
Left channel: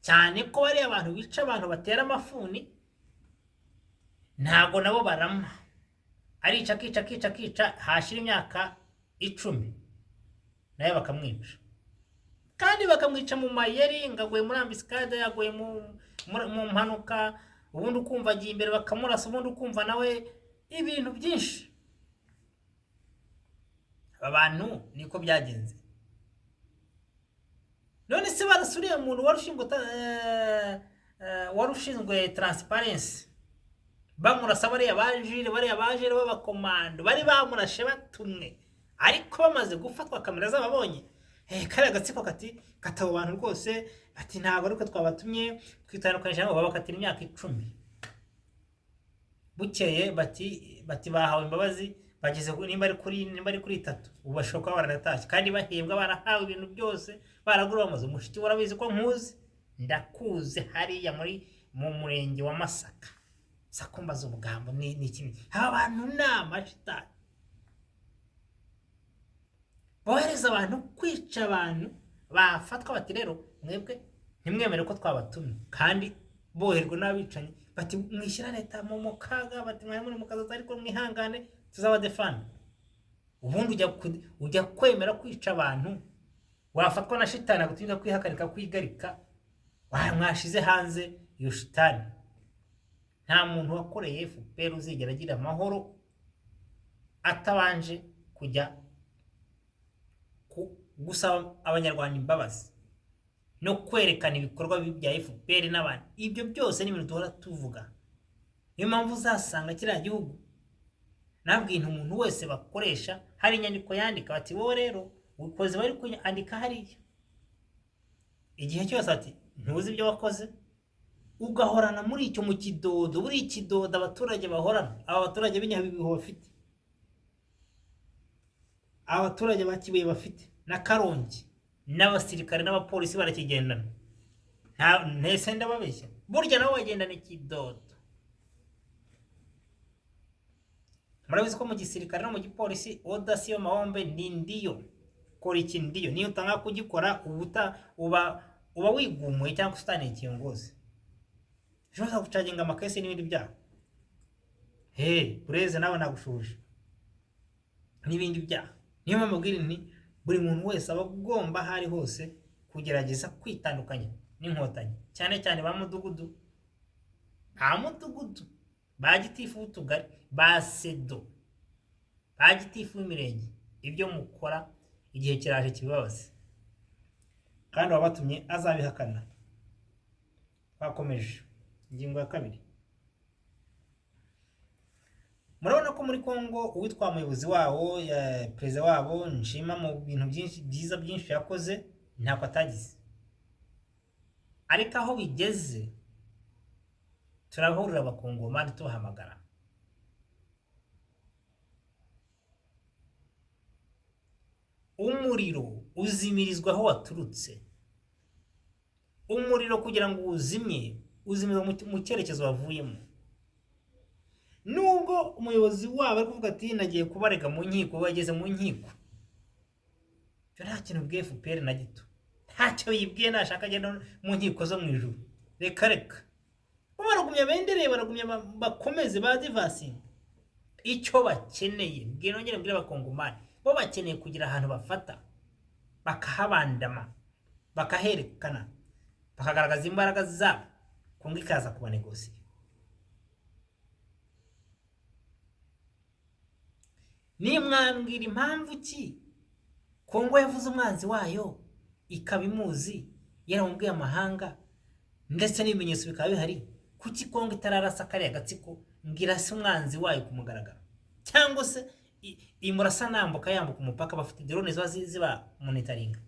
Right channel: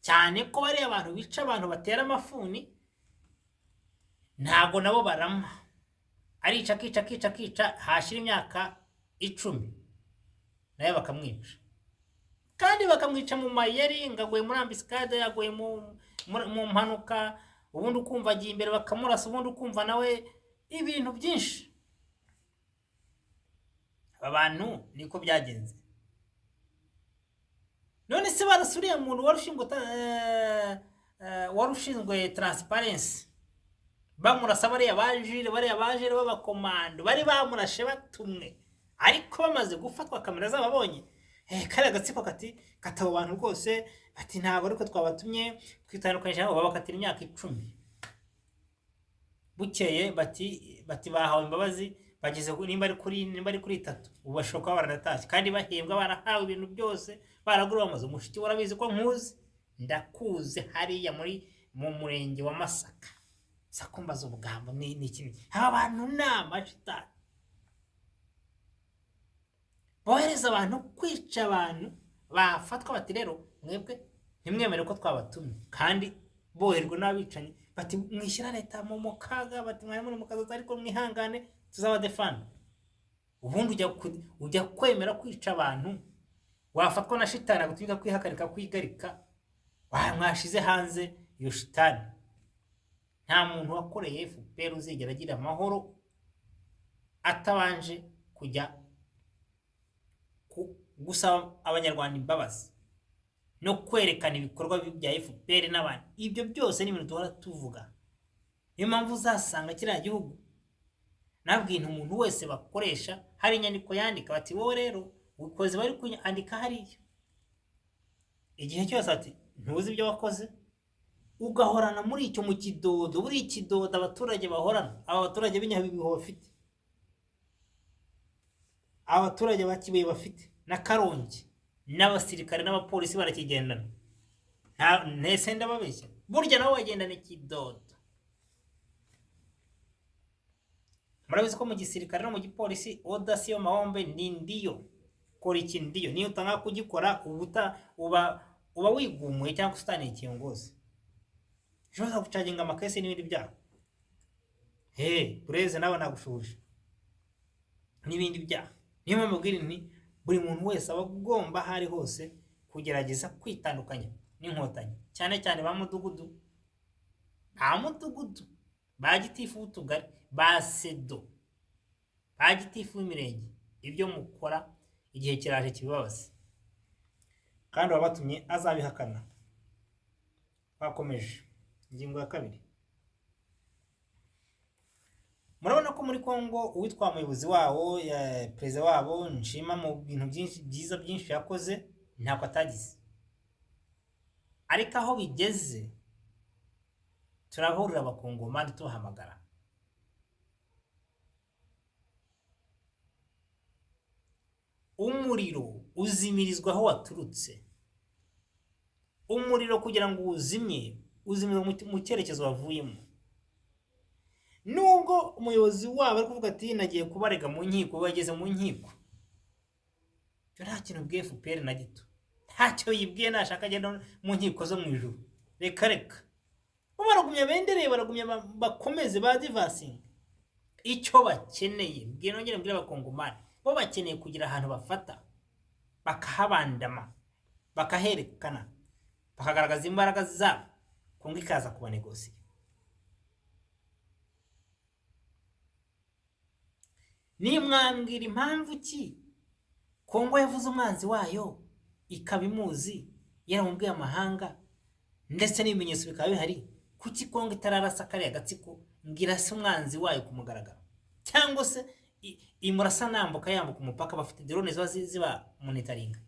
cyane ko bariya abantu bica abantu batera amafuni ntabwo nabo barama, arica akica hashira imyaka 10 nayo bakamwica, kandi bakamwica mu mayeri, ngaguye muri ambiscade, yaguye mu mpanuka, ubundi ukumva agiye imbere bakamurasa, ubundi ukumva nawe ibintu byinshi. Abantu niko byagenze. None se barasuriye umuntu warushinzwe transparency, bamurasa bariya bajire b'abakomando, bari bamurashe batumwe, ariko bamaze gufatwa kamera zababonye, kariya gatsiko katabo abantu rwose bati ntabwo ariko twabatumye, twitandukanyije nabo, babakatira imyaka 10. Bukeye bati bahawe imbabazi, bageze nimba ari kuri 3, ubu bashoka baranatashye, kandi bahembwa barahawe ibintu byose, baragura bamaze. Umushiki warabizi ko nkuzi, ndakuze hariya mu murenge wa Masaka, sakumbaza ubugambo ni iki? Aba bantu ni amashitani bohereza abantu kwica abantu, bafatwa bati rero mwebwe ntimwemere ko twabatumye, kandi boherwa n'abicanyi bati mwishyira leta mu kaga, bati mwari muri mu kazi ariko mwihangane tuzabadefanda. Ubundi ujya kwemera kwica abantu, wafatwa na shitani agutinya kwihakarika kwigarika, mwashize hanze iyo shitani. Nta muntu wakoreye FPR uzigera agira amahoro atabanje kujya gusaba abanyarwanda imbabazi no kwerekana ibikorwa bya FPR n'abandi. Ibyo byose ni ibintu duhora tuvuga. Niyo mpamvu uzasanga kiriya gihugu nabwintu umuntu wese bakoresha hari inyandiko yandika bati wowe rero ukoze bari kwandika hariya, igihe cyose ati ntuzi ibyo wakoze, ugahorana muri icyo mu kidodo. Buri ikidodo abaturage bahorana, aba baturage b'Inyabihu bafite, abaturage bakibuye bafite, na Karongi n'abasirikare n'abapolisi barakigendana. Ntese ndababeshya, burya nawe wagendana ikidodo. Murabizi ko mu gisirikare no mu gipolisi odasiyo mahombe ni ndiyo, kora iki ndiyo, niyo utanga kugikora uba wigumuye cyangwa usitaniye ikiyongozi, ushobora gucaginga amakesi n'ibindi byaha. ureze nawe nagushuje n'ibindi byaha. Niyo mpamvu mbwira nti buri muntu wese aba agomba hari hose kugerageza kwitandukanya n'inkotanyi, cyane cyane ba mudugudu, ba gitifu w'utugari, ba sedo, ba gitifu w'imirenge. Ibyo mukora igihe kiraje kibabaze, kandi wabatumye azabihakana. Bakomeje ingingo ya 2. Murabona ko muri Kongo uwitwa umuyobozi wabo, perezida wabo Nshima, mu bintu byinshi yakoze ntako atagize, ariko aho bigeze turahurira abakongomani tubahamagara. Umuriro uzimirizwa aho waturutse. Umuriro kugira ngo uzimire mu cyerekezo wavuyemo. Nubwo umuyobozi wabo ari kuvuga ati nagiye kubarega mu nkiko, bageze mu nkiko, cyo nta kintu bwe FPR na gito, ntacyo yibwiye, nashaka agenda mu nkiko zo mu ijuru. Reka baragumya bendereye, baragumya bakomeze badivasinga. Icyo bakeneye bwe nongere mbwira abakongomani, bo bakeneye kugira ahantu bafata bakahabandama, bakaherekana, bakagaragaza imbaraga zabo, Kongo ikaza kubanegosiye. Nimwambwira impamvu ki Kongo yavuze umwanzi wayo ikabimuzi, yaramubwiye amahanga ndetse n'ibimenyetso bikaba bihari, kuki Kongo itararasa kariya gatsiko ngira se umwanzi wayo kumugaragara, cyangwa se imurasa nambuka yambuka umupaka, bafite drone ziba monitoringa.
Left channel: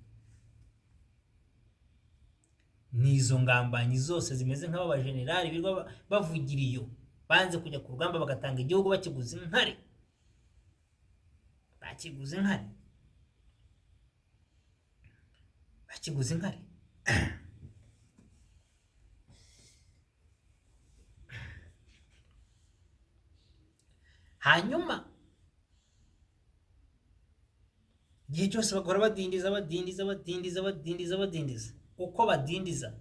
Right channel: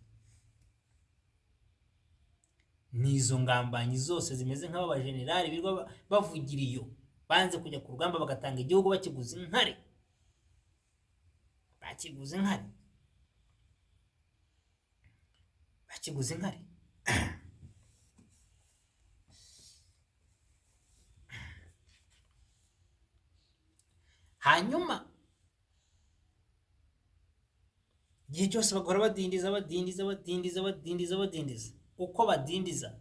Nizo ngambanyi zose zimeze nk'aba generali birwa bavugira iyo banze kujya ku rugamba bagatanga igihugu bakiguze inkari. Hanyuma igihe cyose bagora badindiza. Uko badindiza,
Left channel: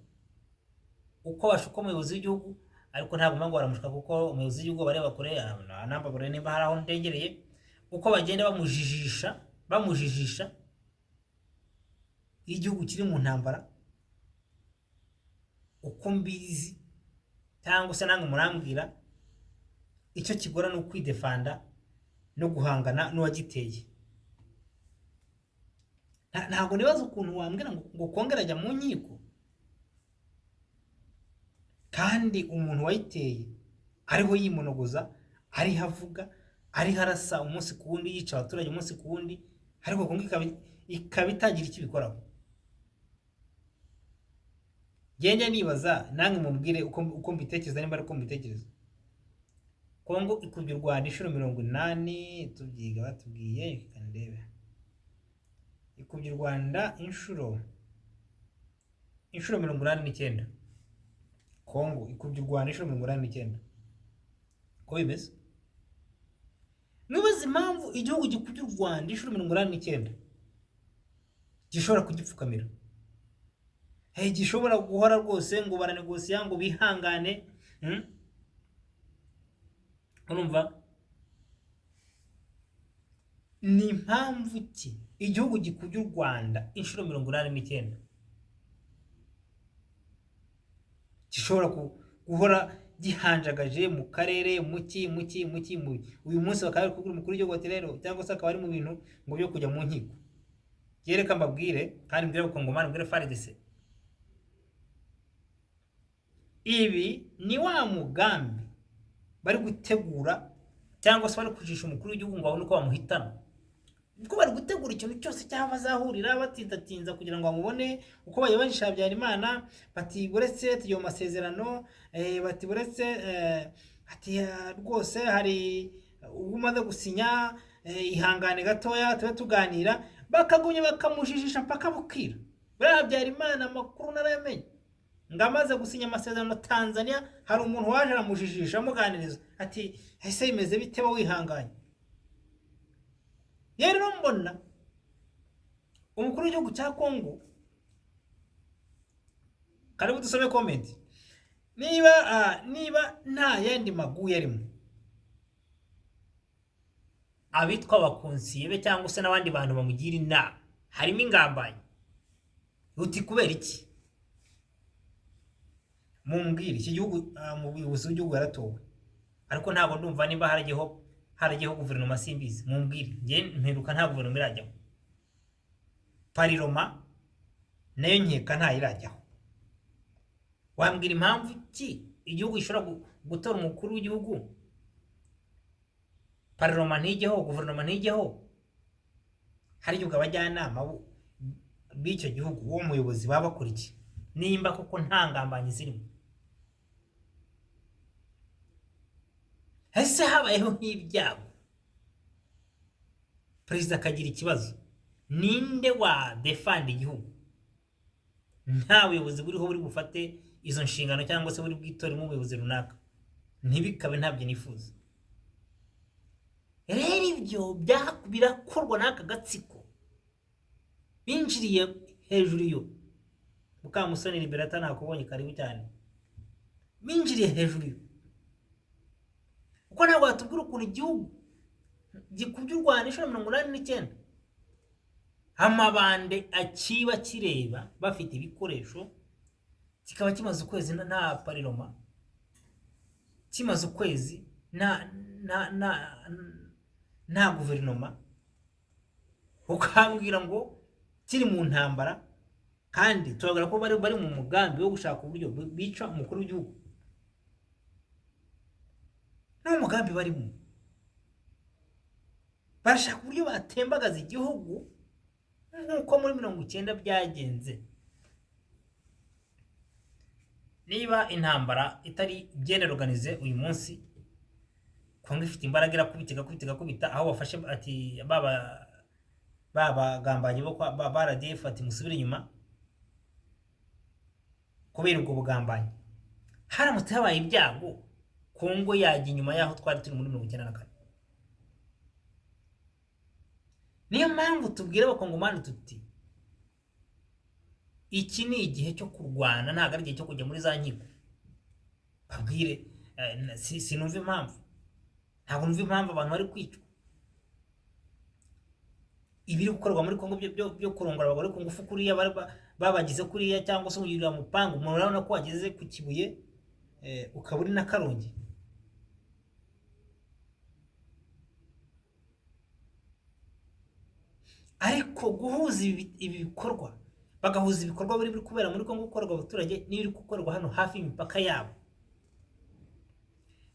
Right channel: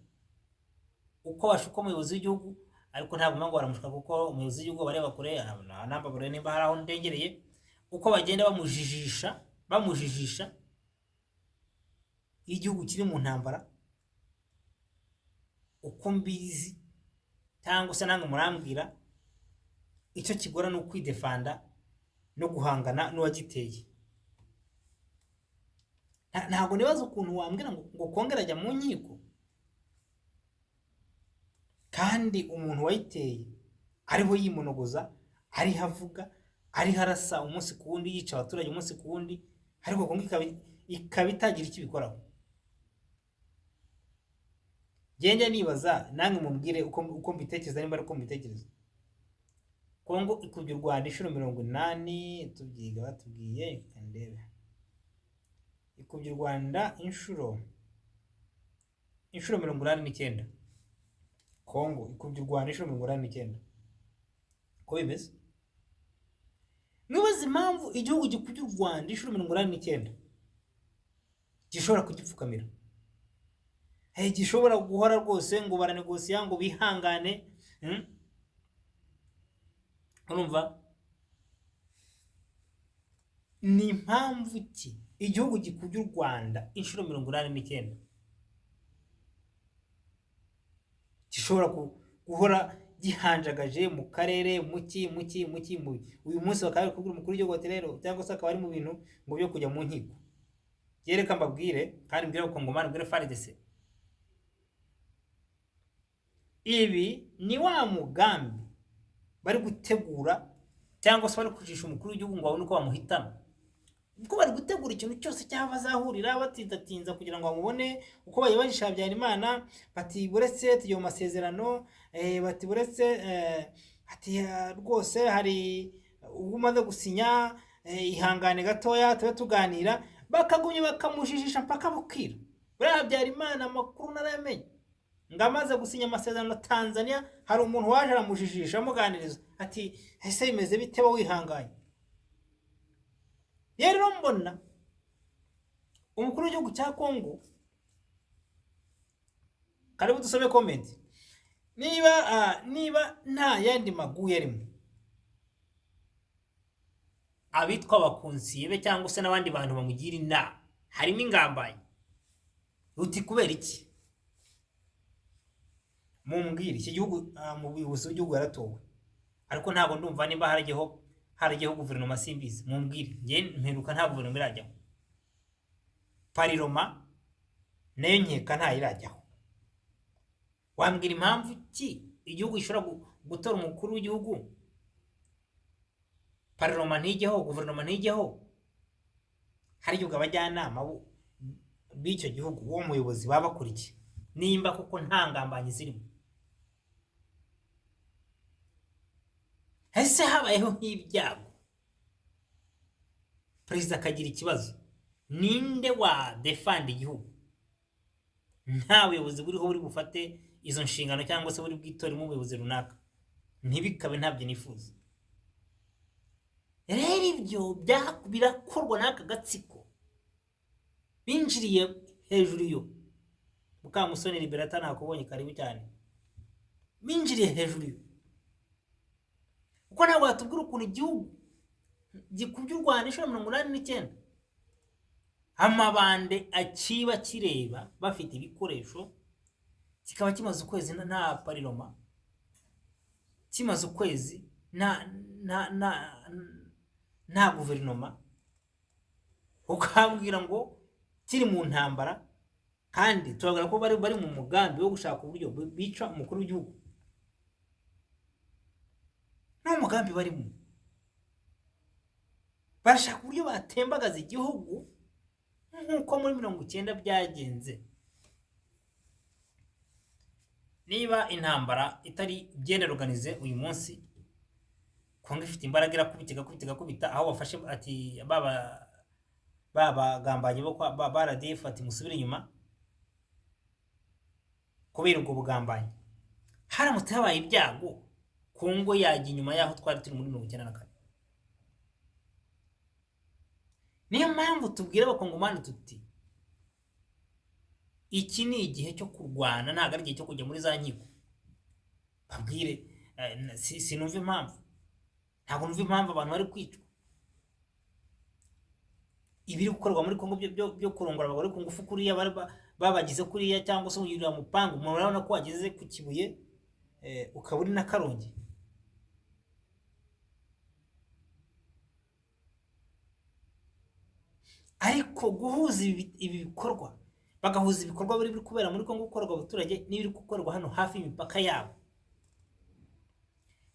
uko bashuka umuyobozi w'igihugu, ariko ntabwo mpamvu baramushuka kuko umuyobozi w'igihugu bareba kure, nambabure nimba hari aho ndengereye. Uko bagenda bamujijisha igihugu kiri mu ntambara, uko mbizi cyangwa se nange murambwira, icyo kigora ni ukwidefanda no guhangana n'uwagiteye. Ntabwo nibaza ukuntu wambwira ngo kongera ajya mu nkiko, kandi umuntu wayiteye ariho yimunogoza, ariho avuga, ariho arasa umunsi ku wundi, yica abaturage umunsi ku wundi, ariko Kongo ikaba itagira icyo ibikoraho. Genda nibaza nange mumbwire uko mbitekereza, nimba ari uko mbitekereza. Kongo ikubye u Rwanda inshuro 80, tubyiga batubwiye, kandebe ikubye u Rwanda inshuro inshuro 89. Kongo ikubye u Rwanda inshuro 89. Ko bimeze? Nibaza impamvu igihugu gikubye u Rwanda inshuro 89 gishobora kugipfukamira. Gishobora guhora rwose ngo baranegosiya ngo bihangane. Urumva? Ni impamvu ki igihugu gikubye u Rwanda inshuro 89 gishobora guhora gihanjagaje mu karere muki uyu munsi bakaba kubwira umukuru w'igihugu ati rero cyangwa se akaba ari mu bintu ngo byo kujya mu nkiko. Yereka mbabwire kandi mbwira Abakongomani, mbwire FARDC, ibi ni wa mugambi bari gutegura cyangwa se bari kujisha umukuru w'igihugu ngo babone uko bamuhitana. Ubwo bari gutegura ikintu cyose cyava azahurira batitatinza kugira ngo bamubone uko bayibajisha Habyarimana, bati buretse tugiye mu masezerano, bati buretse ati rwose hari umaze gusinya, ihangane gatoya tube tuganira, bakagumye bakamujijisha mpaka bukira. Buriya Habyarimana amakuru naramenye ngo amaze gusinya amasezerano Tanzania, hari umuntu waje aramujijisha amuganiriza ati ese bimeze bite bo wihanganye. Rero mbona umukuru w'igihugu cya Kongo, karibu dusome comment, niba nta yandi maguye arimo, abitwa abakonsiye cyangwa se n'abandi bantu bamugira inama harimo ingambanyi, uti kubera iki? Mumbwire. Iki gihugu mu buyobozi bw'igihugu yaratowe, ariko ntabwo ndumva niba haragiyeho guverinoma simbizi. Mumbwire, nge mperuka nta guverinoma irajyaho. Pariroma nayo nkeka nta irajyaho. Wambwira impamvu ki igihugu gishobora gutora umukuru w'igihugu, pariroma ntijyeho, guverinoma ntijyeho, hari igihugu abajyanama b'icyo gihugu uwo muyobozi baba bakurikiye, nimba kuko nta ngambanyi zirimo. Ese habayeho nk'ibyago perezida akagira ikibazo, ninde wa defend igihugu? Nta buyobozi buriho buri bufate izo nshingano cyangwa se buri bwitoremo umuyobozi runaka. Ntibikabe, ntabyo nifuza. Rero ibyo birakorwa n'aka gatsiko binjiriye hejuru yo. Mukamusoni Liberata nakubonye, karibu cyane. Binjiriye hejuru yo uko ntabwo batubwira ukuntu igihugu gikubye u Rwanda inshuro 89, amabande akiba kireba bafite ibikoresho, kikaba kimaze ukwezi nta pariroma, kimaze ukwezi nta guverinoma, ukambwira ngo kiri mu ntambara, kandi turavuga ko bari mu mugambi wo gushaka uburyo bica umukuru w'igihugu. Nta mugambi barimo, barashaka uburyo batembagaza igihugu nk'uko muri 90 byagenze. Niba intambara itari bien organize uyu munsi, Kongo ifite imbaraga irakubita aho bafashe ati baba gambanyi bo ba RDF ati musubire inyuma kubera ubwo bugambanyi. Haramutse habaye ibyago, Kongo yajya inyuma yaho twari turi muri 94. Niyo mpamvu tubwira Abakongomani tuti iki ni igihe cyo kurwana, ntabwo ari igihe cyo kujya muri za nkiko. Babwire sinumva impamvu, ntabwo numva impamvu abantu bari kwicwa. Ibiri gukorwa muri Kongo byo kurongora abagore ku ngufu kuriya babagize kuriya, cyangwa se uyurira mupangu, umuntu urabona ko wageze ku Kibuye ukaba uri na Karongi. Ariko guhuza ibi bikorwa, bagahuza ibikorwa biri kubera muri Kongo gukorwa abaturage n'ibiri gukorwa hano hafi y'imipaka yabo,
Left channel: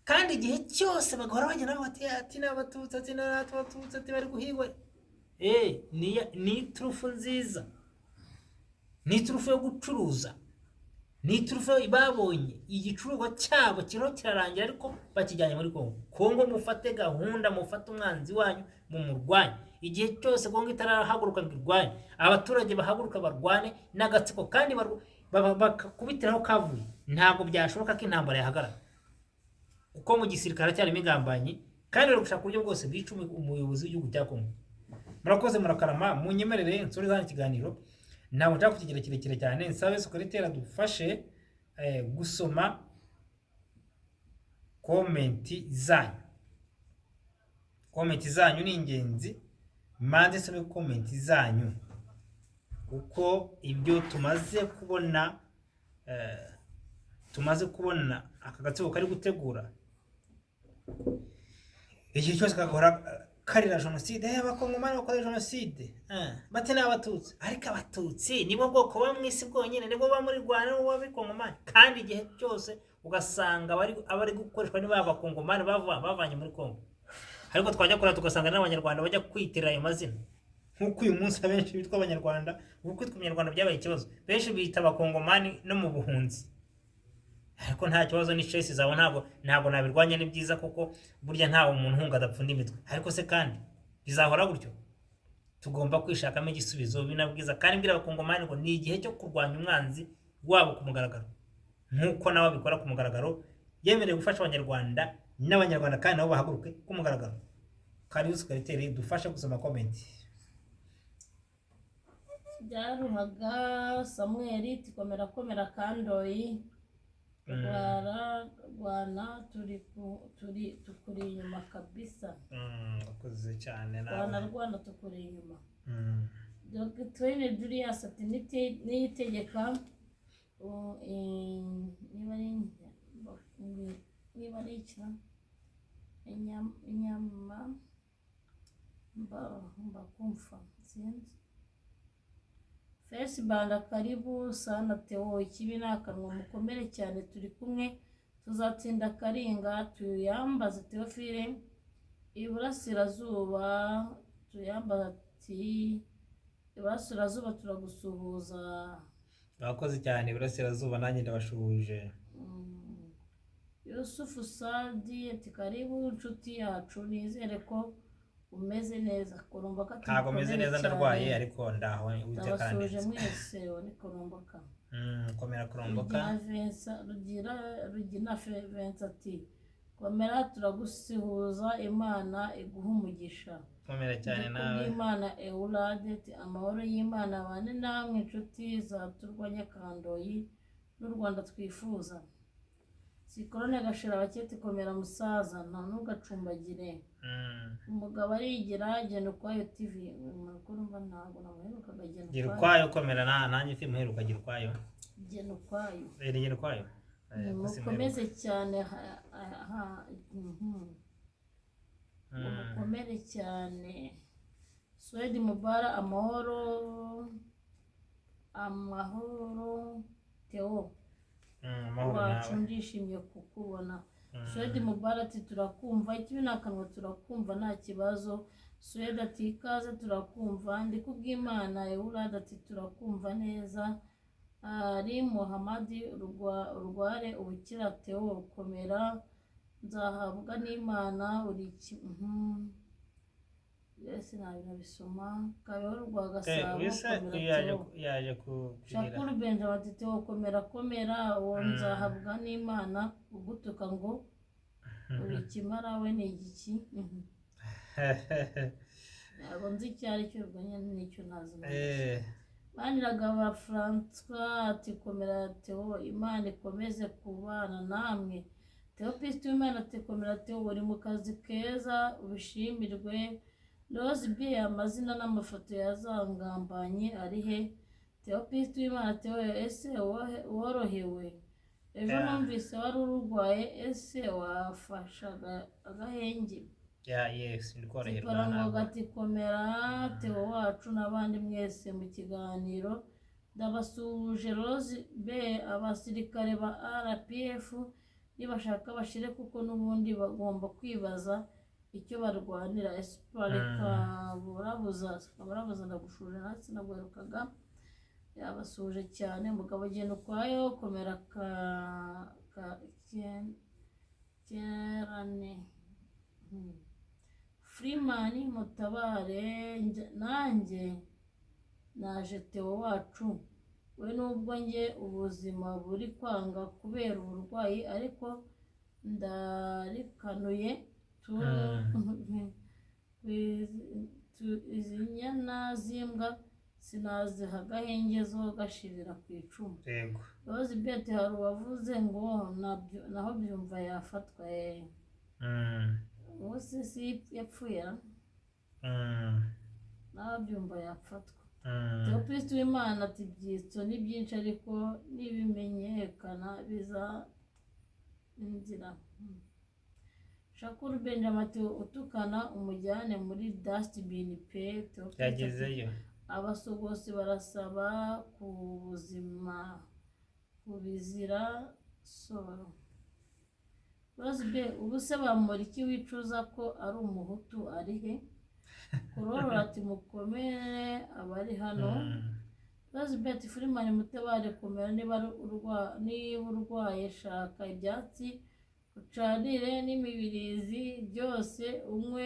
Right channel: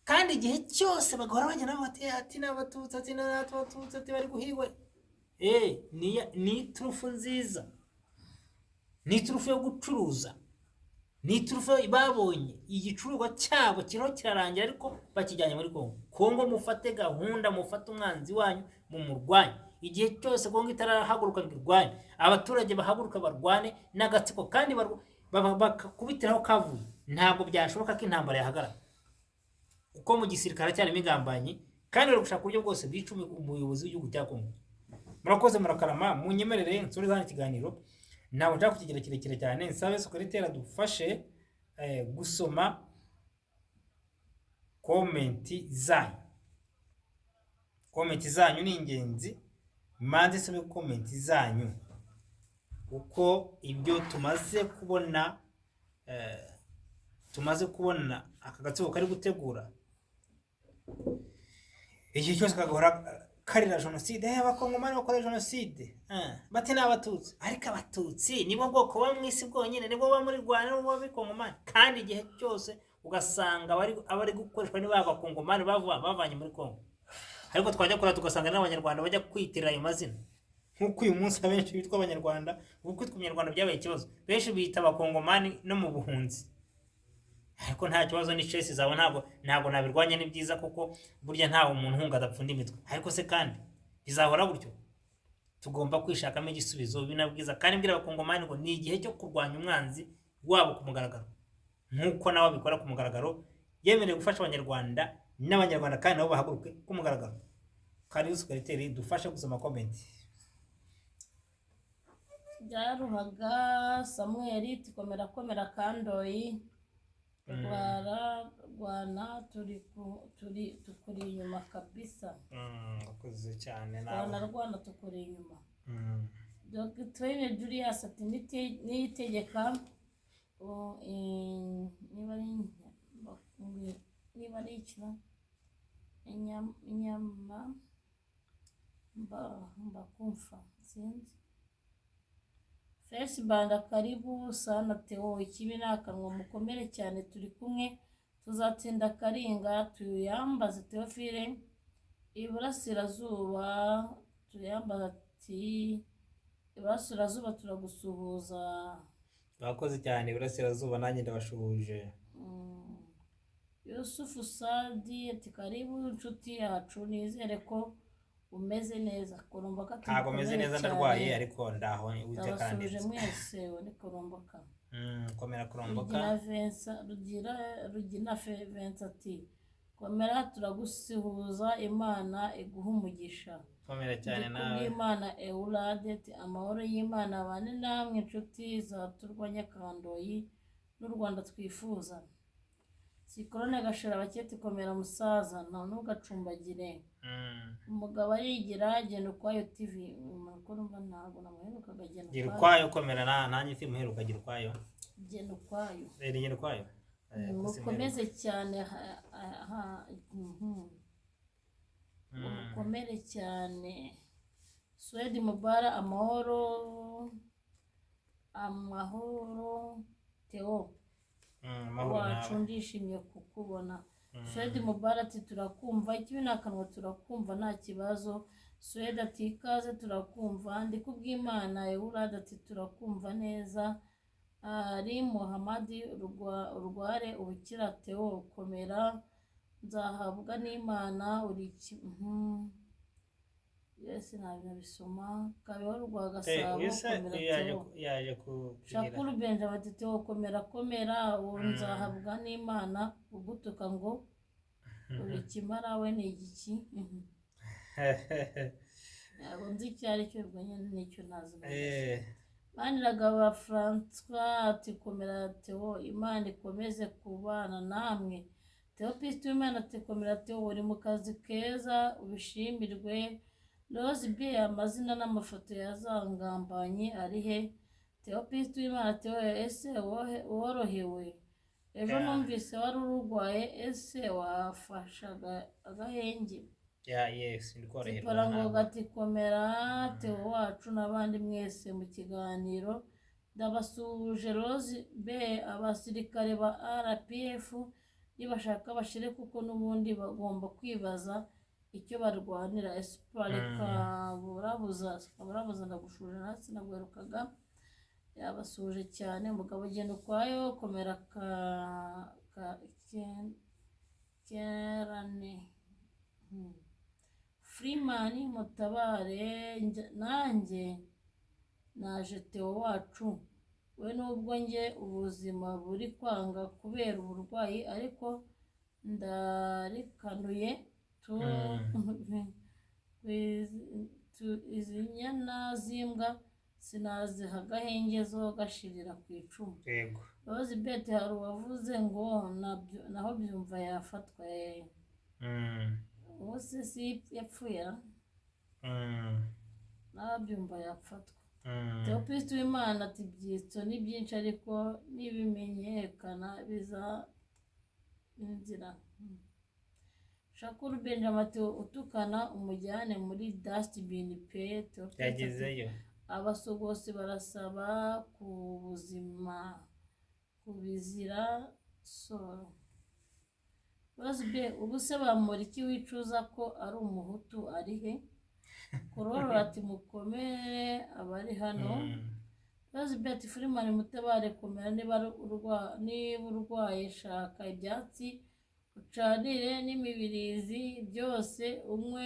kandi igihe cyose bagahora bagenda bati n'abatutsi ati n'abatutsi ati bari guhigwa. Ni turufu nziza, ni turufu yo gucuruza, ni turufu babonye igicuruzwa cyabo kiriho kirarangira, ariko bakijyanye muri Kongo. Kongo mufate gahunda, mufate umwanzi wanyu mu murwanya. Igihe cyose Kongo itarahaguruka ngo irwanye, abaturage bahaguruka barwane n'agatsiko, kandi bakakubitiraho kavuye, ntabwo byashoboka ko intambara yahagarara kuko mu gisirikare cyarimo ingambanyi kandi bari gushaka uburyo bwose bica umuyobozi w'igihugu cya Kongo. Murakoze murakarama, munyemerere nsore hano ikiganiro, ntabwo nshaka kukigira kirekire cyane, nsabe secrétaire adufashe gusoma komenti zanyu. Komenti zanyu ni ingenzi, manze sabe komenti zanyu uko ibyo tumaze kubona aka gatsiko kari gutegura igihe cyose kagahora karira jenoside. Abakongomani bakora jenoside bati ni abatutsi, ariko abatutsi nibo bwoko bwa mwisi bwonyine, nibo ba muri Rwanda, nibo b'abakongomani, kandi igihe cyose ugasanga abari gukoreshwa ni b'abakongomani bavanye muri Kongo. Ariko twajya kora tugasanga n'abanyarwanda bajya kwitirira ayo mazina, nk'uko uyu munsi abenshi bitwa abanyarwanda, kuko kwitwa umunyarwanda byabaye ikibazo, benshi bita abakongomani no mu buhunzi. Ariko nta kibazo, ni stress zawe ntabwo nabirwanya, ni byiza kuko burya ntawe umuntu hunga adapfunda imitwe. Ariko se kandi bizahora gutyo? Tugomba kwishakamo igisubizo binabwiza, kandi mbwira abakongomani ngo ni igihe cyo kurwanya umwanzi wabo ku mugaragaro, nk'uko nawe bikora ku mugaragaro, yemerewe gufasha abanyarwanda n'abanyarwanda kandi nabo bahaguruke ku mugaragaro. Kandi secrétaire dufashe gusoma comment. Byaruhaga Samuel komera kandoyi Rwana tukuri inyuma kabisa. Akoze cyane nawe. Rwana tukuri inyuma. Dr. Julius ati niyitegeka niba ari ikina inyama mbakumfa sinzi. Fesibanda karibu sana Theo, ikibi nakanwa mukomere cyane, turi kumwe tuzatsinda Karinga, tuyambaze Theophile iburasirazuba, tuyambaza ati iburasirazuba turagusuhuza. Bakoze cyane iburasirazuba, nanjye ndabashuhuje. Yusufu Sadi ati karibu inshuti yacu, nizere ko umeze neza. Koromboka ntago meze neza, ndarwaye ariko ndaho uje kandi ndabasuje mwese. Ni Koromboka komera Koromboka. Rugina Vincent ati komera turagusuhuza, Imana iguha umugisha. Komera cyane nawe. Imana Eulade ati amahoro y'Imana abane namwe inshuti zaturwanya Kandoyi n'u Rwanda twifuza. Sikorone gashira baketi komera musaza, nta nugacumbagire. Umugabo arigira Genda Ukwayo TV, makuru mba ntago namuherukaga Genda Ukwayo. Komera nanjye mfi muheruka Genda Ukwayo. Genda Ukwayo. Genda Ukwayo. Mukomeze cyane mukomere cyane. Swedi Mubara amahoro Theo wacu, ndishimye kukubona. Swedi Mubara ati turakumva, ikibi nakanwa turakumva nta kibazo. Swedi ati ikaze turakumva. Ndikubwimana Eulade ati turakumva neza. Ari Muhamadi urware ubukira Theo, komera nzahabwa n'Imana uri yes nabisoma. Kabeho rwa Gasabo yaje ku Shakuru Benja bati Theo komera uwo nzahabwa n'Imana, ugutuka ngo uri kimara we ni igiki. Ntabwo nzi icyo ari cyo, ubwo nyine nicyo nazi. Maniragaba François ati komera Theo, Imana ikomeze kubana namwe. Theopiste w'Imana ati komera Theo, uri mu kazi keza ubishimirwe. Rose B amazina n'amafoto yazangambanye ari he? Theopiste w'Imana Theo, ese worohewe? Ejo numvise wari urwaye, ese wafashaga agahenge? Yes, ndikoroherwa. Parango gati komera Theo wacu n'abandi mwese mu kiganiro. Ndabasuhuje Rose B, abasirikare ba RPF nibashaka bashire, kuko n'ubundi bagomba kwibaza icyo barwanira. Espareka burabuza ndagushuje nasi nagwerukaga. Yabasuhuje cyane. Umugabo Genda Ukwayo komera kerane. Freeman mutabare nanjye naje Theo wacu we nubwo njye ubuzima buri kwanga kubera uburwayi ariko ndarikanuye izi nyana z'imbwa sinaziha agahenge zo gashirira ku icumu. yego Rose Beth hari uwavuze ngo naho byumva yafatwa umunsi si yapfuye naho byumva yafatwa. Theophiliste Uwimana ati ibyitso ni byinshi ariko nibimenyekana bizainzira. Shakuru Benjamin ati utukana umujyane muri dustbin pe. yagezeyo Abasogosi barasaba ku buzima kubizira soro. Rose Beth ubu se bamura iki wicuza ko ari umuhutu ari he? Korora ati mukomere abari hano. Rose Beth Freeman mutabare komera niba urwaye shaka ibyatsi ucanire n'imibirizi byose unywe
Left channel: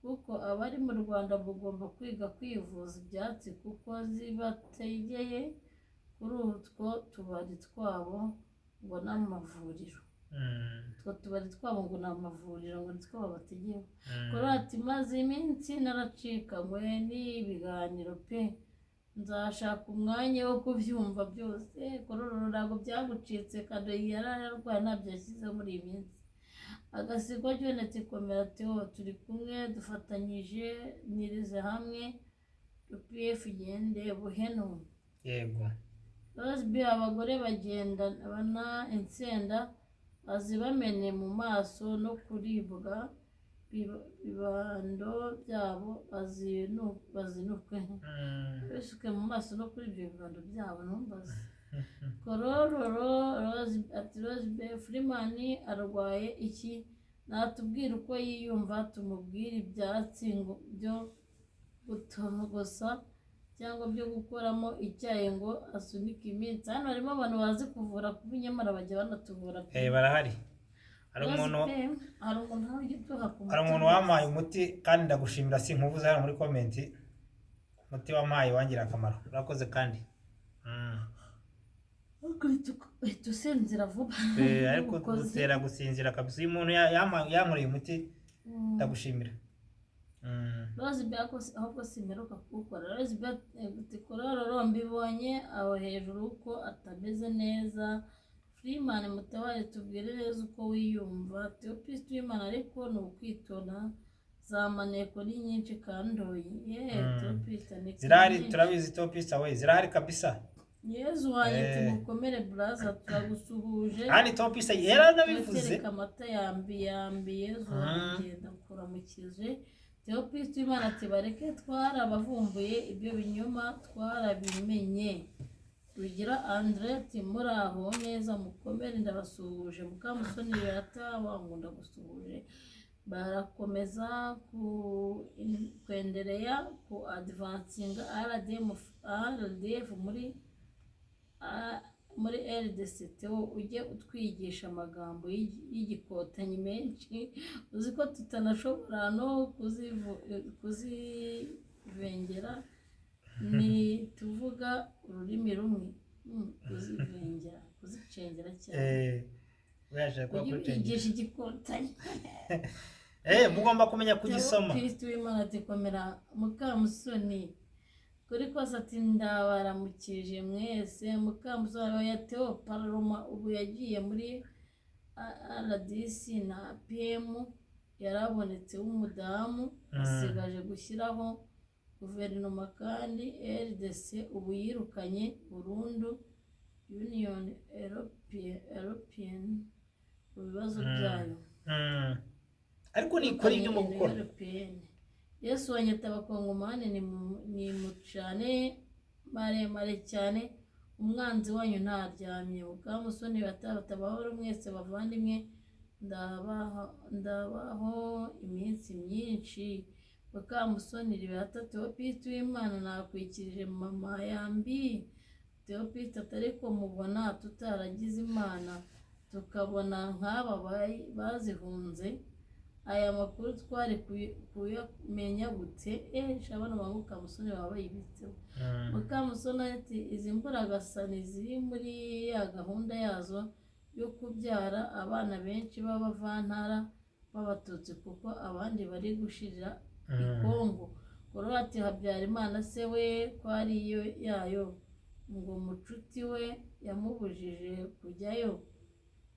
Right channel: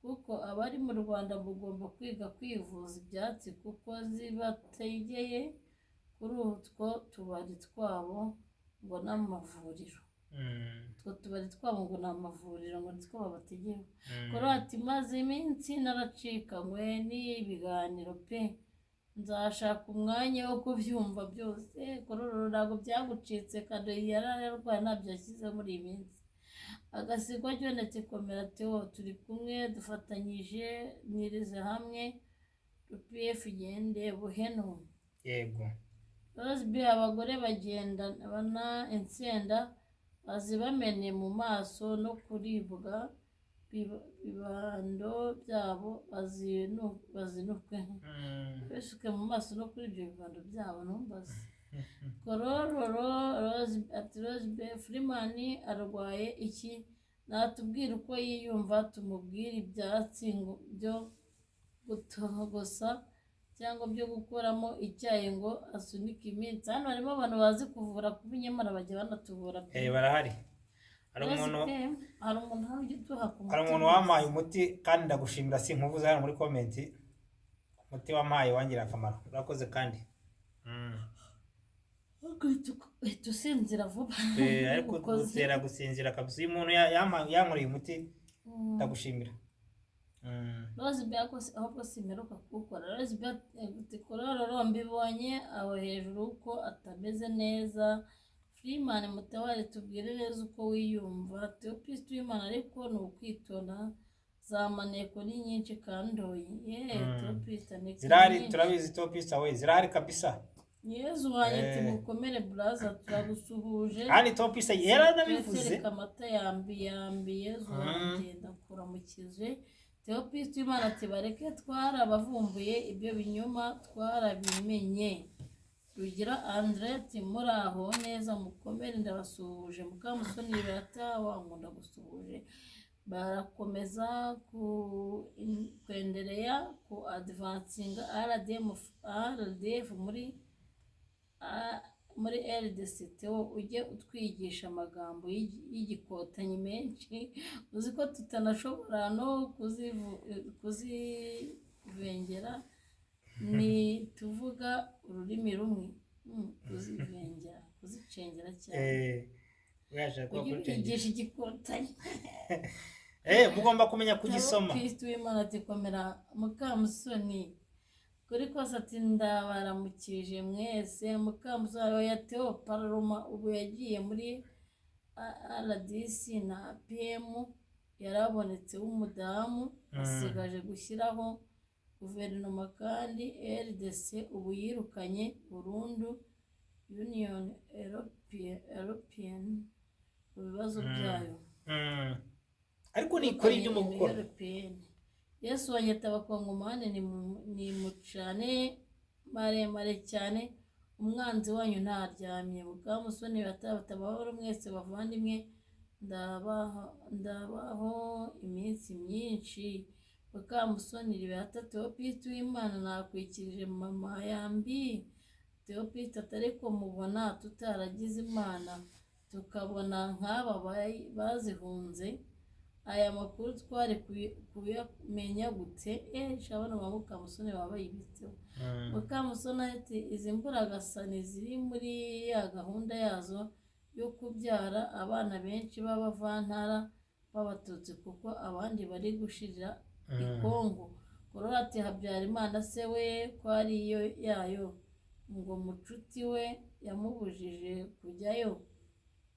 kuko abari mu Rwanda mugomba kwiga kwivuza ibyatsi kuko zibategeye kuri utwo tubari twabo ngo n'amavuriro. Utwo tubari twabo ngo n'amavuriro ngo nitwo babategeye. Korora ati maze iminsi naracikanywe n'ibiganiro pe nzashaka umwanya wo kubyumva byose. Korora ntabwo byagucitse kado yararwaye ntabyo yashyize muri iyi minsi. Agasigwa Jonathan komera Theo turi kumwe dufatanyije nirize hamwe UPF igende buheno. yego Rose Beth abagore bagenda bana insenda bazibamene mu maso no kuribwa bibando byabo bazinukwe bisuke mu maso no kuri ibyo bibando byabo numbaze. Kororo Rose Beth Freeman arwaye iki natubwira uko yiyumva tumubwira ibyatsi byo gutogosa cyangwa byo gukoramo icyayi ngo asunike iminsi. Hano harimo abantu bazi kuvura kuba nyamara bajya banatuvura barahari. hari umuntu wampaye umuti kandi ndagushimira sinkuvuze hano muri comment. umuti wampaye wangira akamaro urakoze kandi tusinzira vuba ariko dutera gusinzira kabisa. uyu muntu yankoreye umuti ndagushimira. Rose Beth ahubwo simeruka kuwukora. Rose Beth kororo mbibonye aho hejuru ko atameze neza. Freeman mutabare tubwire neza uko wiyumva. Theophiliste Uwimana ariko ni ukwitonda za maneko ni nyinshi kandoye Theophiliste ni zirahari turabizi Theophiliste we zirahari kabisa. Yezu wanyite mukomere braza turagusuhuje. Kandi Theophiliste yaranabivuze amata yambi Yezu wagenda kuramukije. Theophiliste Uwimana ati bareke twarabavumbuye ibyo binyoma twarabimenye. Rugira Andre ati muraho neza mukomere ndabasuhuje. Mukamusoni Beata wankunda gusuhuje. Barakomeza kwendereya ku advancing RDF muri RDC. Theo ujye utwigisha amagambo y'igikotanyi menshi uzi ko tutanashobora no kuzivengera ni tuvuga ururimi rumwe kuzivengera kuzicengera cyane kwigisha igikotanyi mugomba kumenya kugisoma. Kristo w'Imana ati komera Mukamusoni kuri kose ati ndabaramukije mwese. Mukamusoni ya Theo Paroma ubu yagiye muri RDC na PM yarabonetse w'umudamu asigaje gushyiraho guverinoma kandi RDC ubu yirukanye burundu Union European mu bibazo byayo. ariko ni kuri ibyo mu gukora. Yesu wanyita abakongomani ni mucane maremare cyane umwanzi wanyu ntaryamye. Mukamusoni batabahoro mwese bavandimwe ndabaho iminsi myinshi. Mukamusoni Beata Theophiliste Uwimana nakwikirije mama yambi. Theophiliste atari ko mubona tutaragize Imana tukabona nk'aba bazihunze aya makuru twari kuyamenya gute shabona ba Mukamusoni baba bayibitseho. Mukamusoni ati izi mburagasani ziri muri ya gahunda yazo yo kubyara abana benshi b'abavantara b'abatutsi kuko abandi bari gushirira i Kongo. Korora ati Habyarimana se we ko ari yayo ngo mucuti we yamubujije kujyayo.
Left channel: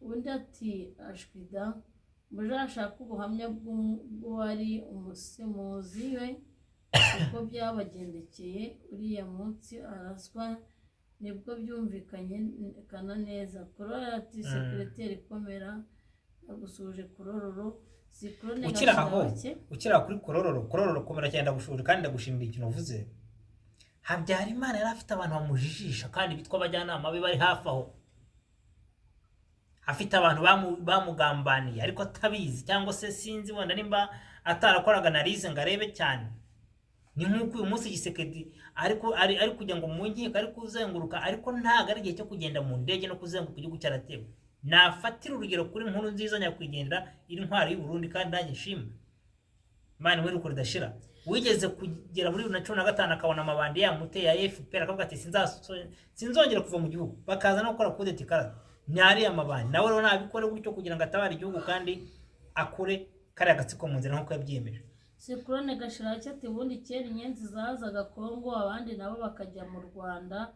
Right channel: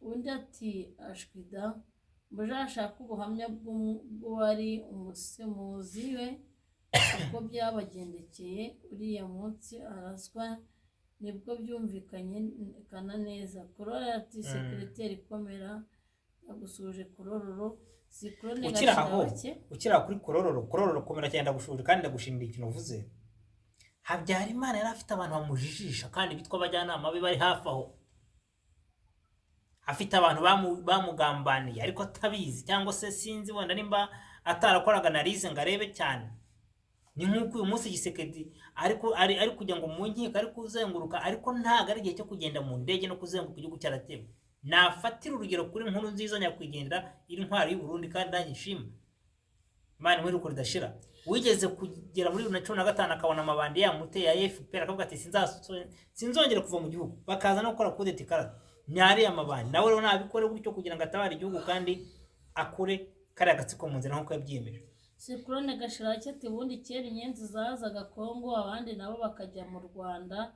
Undi ati ashwida mujashaka ubuhamya bw'uwari umusemuzi we uko byabagendekeye uriya munsi araswa nibwo byumvikanye kana neza. Korora ati sekreteri komera agusuje Korororo Sikrone ukira kuri Korororo komera cyane ndagushuje kandi ndagushimira ikintu uvuze. Habyarimana yari afite abantu bamujijisha kandi bitwa abajyanama be bari hafi aho, afite abantu bamugambaniye ariko atabizi cyangwa se sinzi wenda nimba atarakoraga analize ngo arebe cyane. Ni nk'uko uyu munsi Gisekedi ariko ari kujya ngo mu nkiko ari kuzenguruka ariko ntago ari igihe cyo kugenda mu ndege no kuzenguruka igihugu cyaratewe. Nafatira urugero kuri Nkuru Nziza nyakwigendera iri ntwari y'u Burundi kandi ndanyishima Imana we ruko ridashira. Wigeze kugera muri 2015 akabona amabandi yamute ya FPR akavuga ati sinzongera kuva mu gihugu, bakaza no gukora kudeta ikarata nyari amabandi. Nawe rero nabikore gutyo kugira ngo atabara igihugu kandi akure kare agatsiko mu nzira nkuko yabyiyemeje. Sikrone Gashirake ati ubundi kera inyenzi zazaga Kongo abandi nabo bakajya mu Rwanda,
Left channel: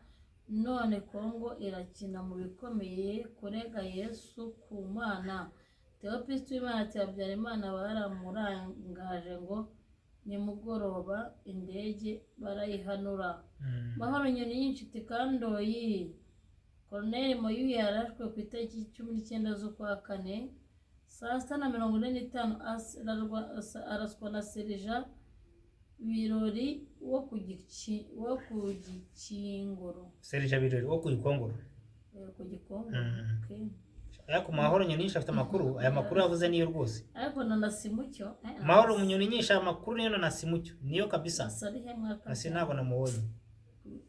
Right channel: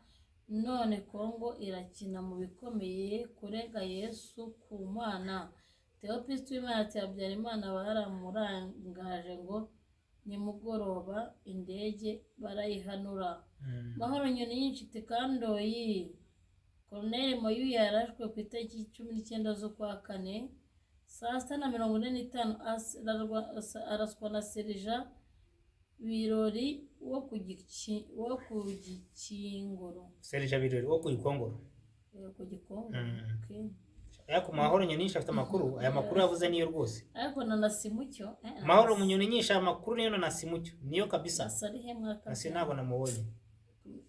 none Kongo irakina mu bikomeye kurega Yesu ku Mana. Theopiste w'Imana ati Habyarimana baramurangaje ngo nimugoroba indege barayihanura. Mahoro Nyoni y'inshuti Kandoyi Colonel Moyu yarashwe ku itariki 19 z'ukwa kane saa 6:45 araswa na Serija Birori wo ku Gikingoro. Serija Birori wo ku Gikongoro. Ku Gikongoro. Okay. Ariko Mahoro Nyoni nyinshi afite amakuru, aya makuru yavuze niyo rwose. Ariko na Nasimucyo Mahoro Nyoni nyinshi amakuru niyo na Nasimucyo niyo kabisa. Asarihe mwaka. Nasi ntabwo namubonye.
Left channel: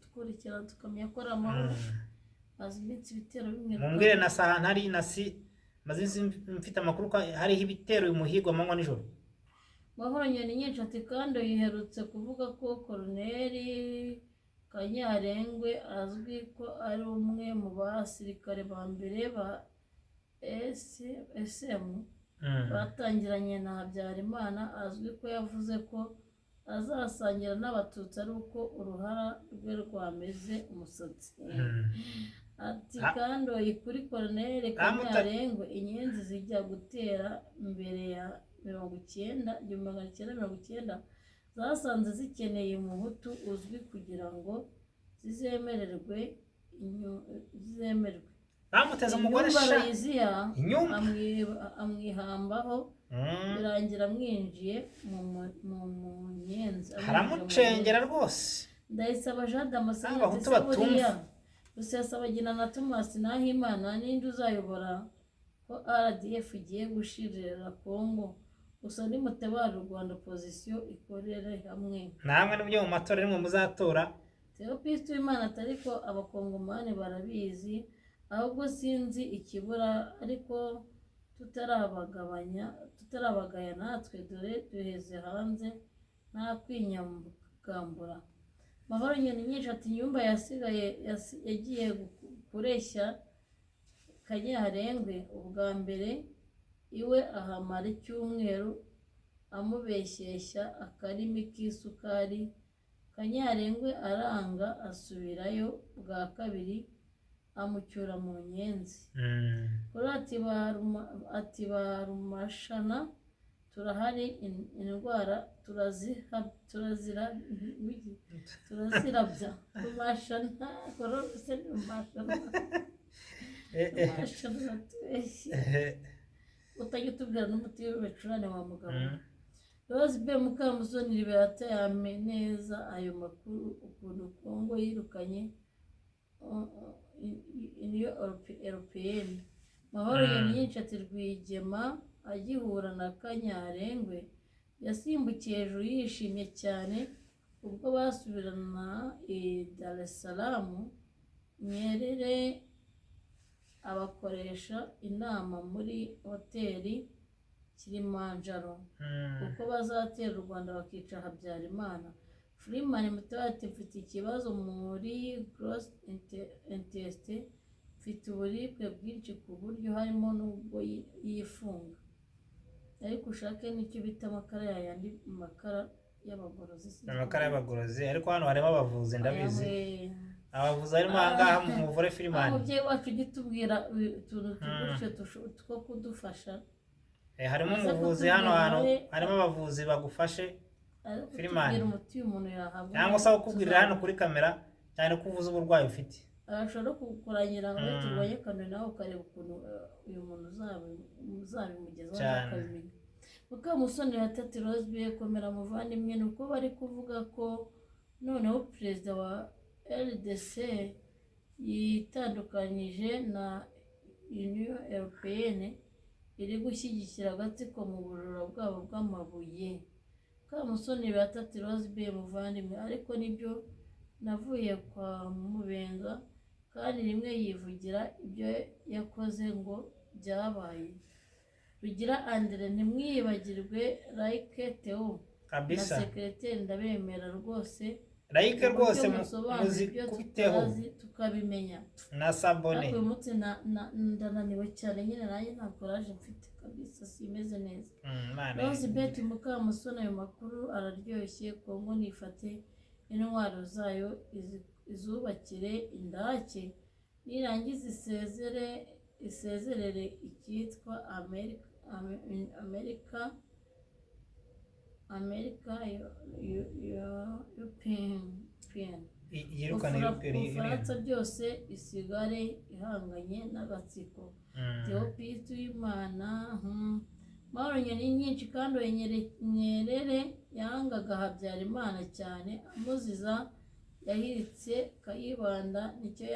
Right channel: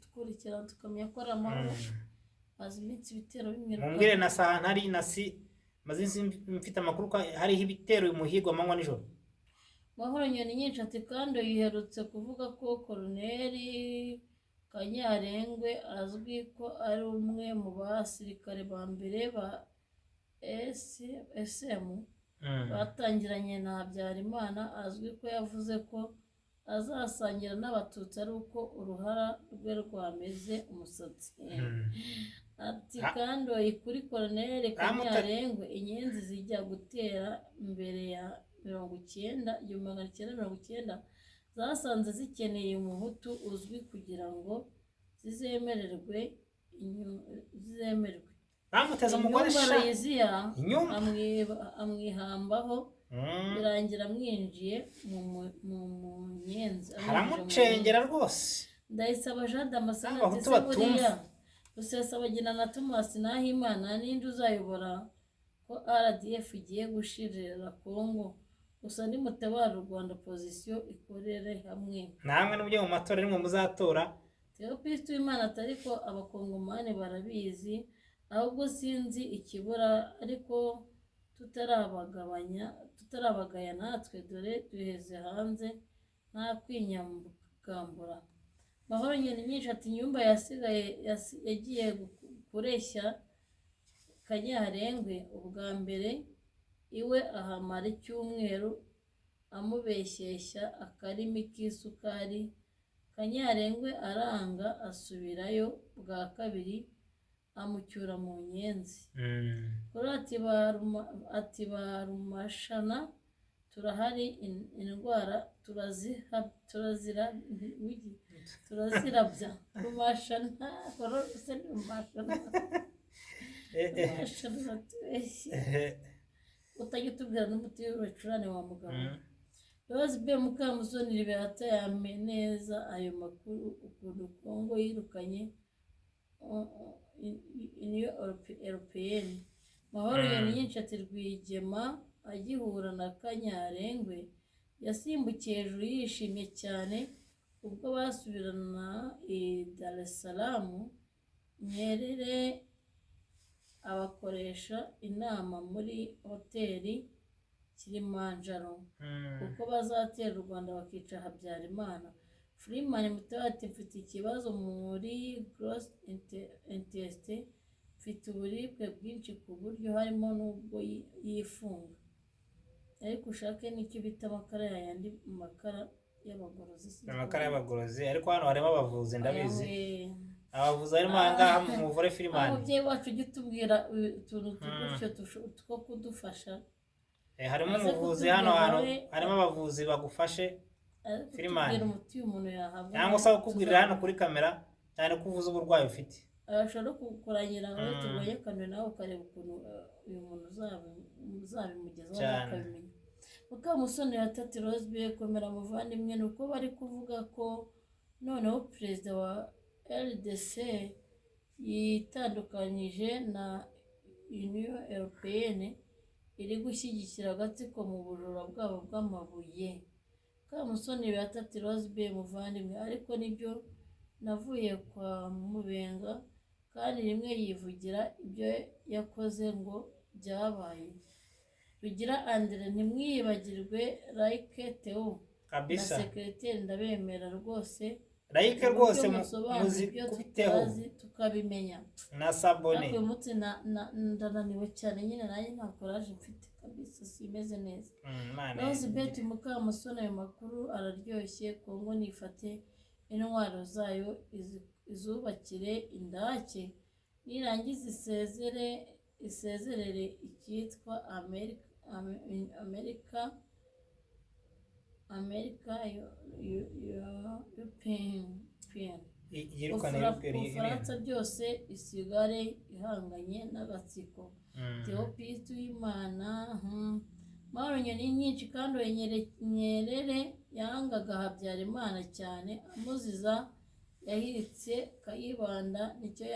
Tukurikira tukamenya ko Mahoro azimitse ibitero bimwe. Mumbwire na saha ntari Nasi mazinzi mfite amakuru ko hari ibitero umuhigo amanywa nijoro. Mahoro Nyoni nyinshi ati kandi yiherutse kuvuga ko Colonel Kanyarengwe azwi ko ari umwe mu basirikare ba mbere ba SM batangiranye na Habyarimana, azwi ko yavuze ko azasangira n'abatutsi ari uko uruhara rwe rwameze umusatsi. Ati kandi kuri Colonel Kanyarengwe inyenzi zijya gutera mbere ya 1990 zasanze zikeneye umuhutu uzwi kugira ngo zizemererwe. Bamuteza umugore amwihambaho birangira mwinjiye mu nyenzi haramucengera rwose. Ndayisaba Jean Damascene buriya Rusesabagina na Thomas Nahimana ninde uzayobora ko RDF igiye gushirira Kongo. Gusa ni mutabara u Rwanda opposition ikorere hamwe. Namwe n'ubyo mu matora rimwe muzatora. Theopiste w'Imana atariko abakongomani barabizi ahubwo sinzi ikibura ariko tutarabagaya natwe dore duheze hanze nta kwinyambura. Mahoro Nyoni nyinshi ati nyumba yasigaye yagiye kureshya Kanyarengwe ubwa mbere iwe ahamara icyumweru amubeshyeshya akarimi k'isukari. Kanyarengwe aranga asubirayo bwa kabiri amucyura mu nyenzi. Ati barumashana turahari indwara turazirabya rumashana korose rumashana utajya utubwira n'umuti w'ibicurane wa mugabo. Rose B Mukamusoni Liberata yame neza ayo makuru ukuntu Kongo yirukanye Union Européenne. Mahoro Nyoni nyinshi ati Rwigema agihura na Kanyarengwe yasimbukiye hejuru yishimye cyane ubwo basubirana i Dar es Salaam. Nyerere abakoresha inama muri hoteli Kilimanjaro kuko bazatera u Rwanda bakica Habyarimana. Freeman Mutabazi ati mfite ikibazo muri gross intestin, mfite uburibwe bwinshi ku buryo harimo n'ubwo yifunga, ariko ushake n'icyo bita amakara yayandi makara y'abagorozi. Amakara y'abagorozi, ariko hano harimo abavuzi ndabizi. Abavuzi harimo ahangaha mu muvure Freeman. Umubyeyi wacu ujye utubwira utuntu tugutyo two kudufasha. Harimo umuvuzi hano hantu, harimo abavuzi bagufashe Freeman. Cyangwa se ukubwirira hano kuri kamera cyane ko uvuze uburwayi ufite. Ashobora kukuranyira ngo turwaye kanwe nawe ukareba ukuntu uyu muntu uzabimugezaho akabimenya. Mukamusoni ya Tati Rose komera muvandimwe, ni uko bari kuvuga ko noneho perezida wa LDC yitandukanyije na Union Européenne iri gushyigikira agatsiko mu bujura bwabo bw'amabuye. Mukamusoni ya Tati Rose muvandimwe, ariko nibyo navuye kwa Mubenga kandi rimwe yivugira ibyo yakoze ngo byabaye. Rugira Andre ntimwibagirwe Like Theo kabisa na secrétaire ndabemera rwose. Like rwose muzi kubiteho tukabimenya na Sabone. Uyu munsi ndananiwe cyane nyine nanjye nta courage mfite kabisa, simeze neza. Rose Bet Mukamusoni ayo makuru araryoshye. Kongo nifate intwaro zayo izubakire indake, nirangiza isezerere icyitwa Amerika Ubufaransa byose isigare ihanganye n'agatsiko. Theopiste Uwimana Mahoro nyoni nyinshi kandi Nyerere yangaga Habyarimana cyane amuziza yahiritse Kayibanda nicyo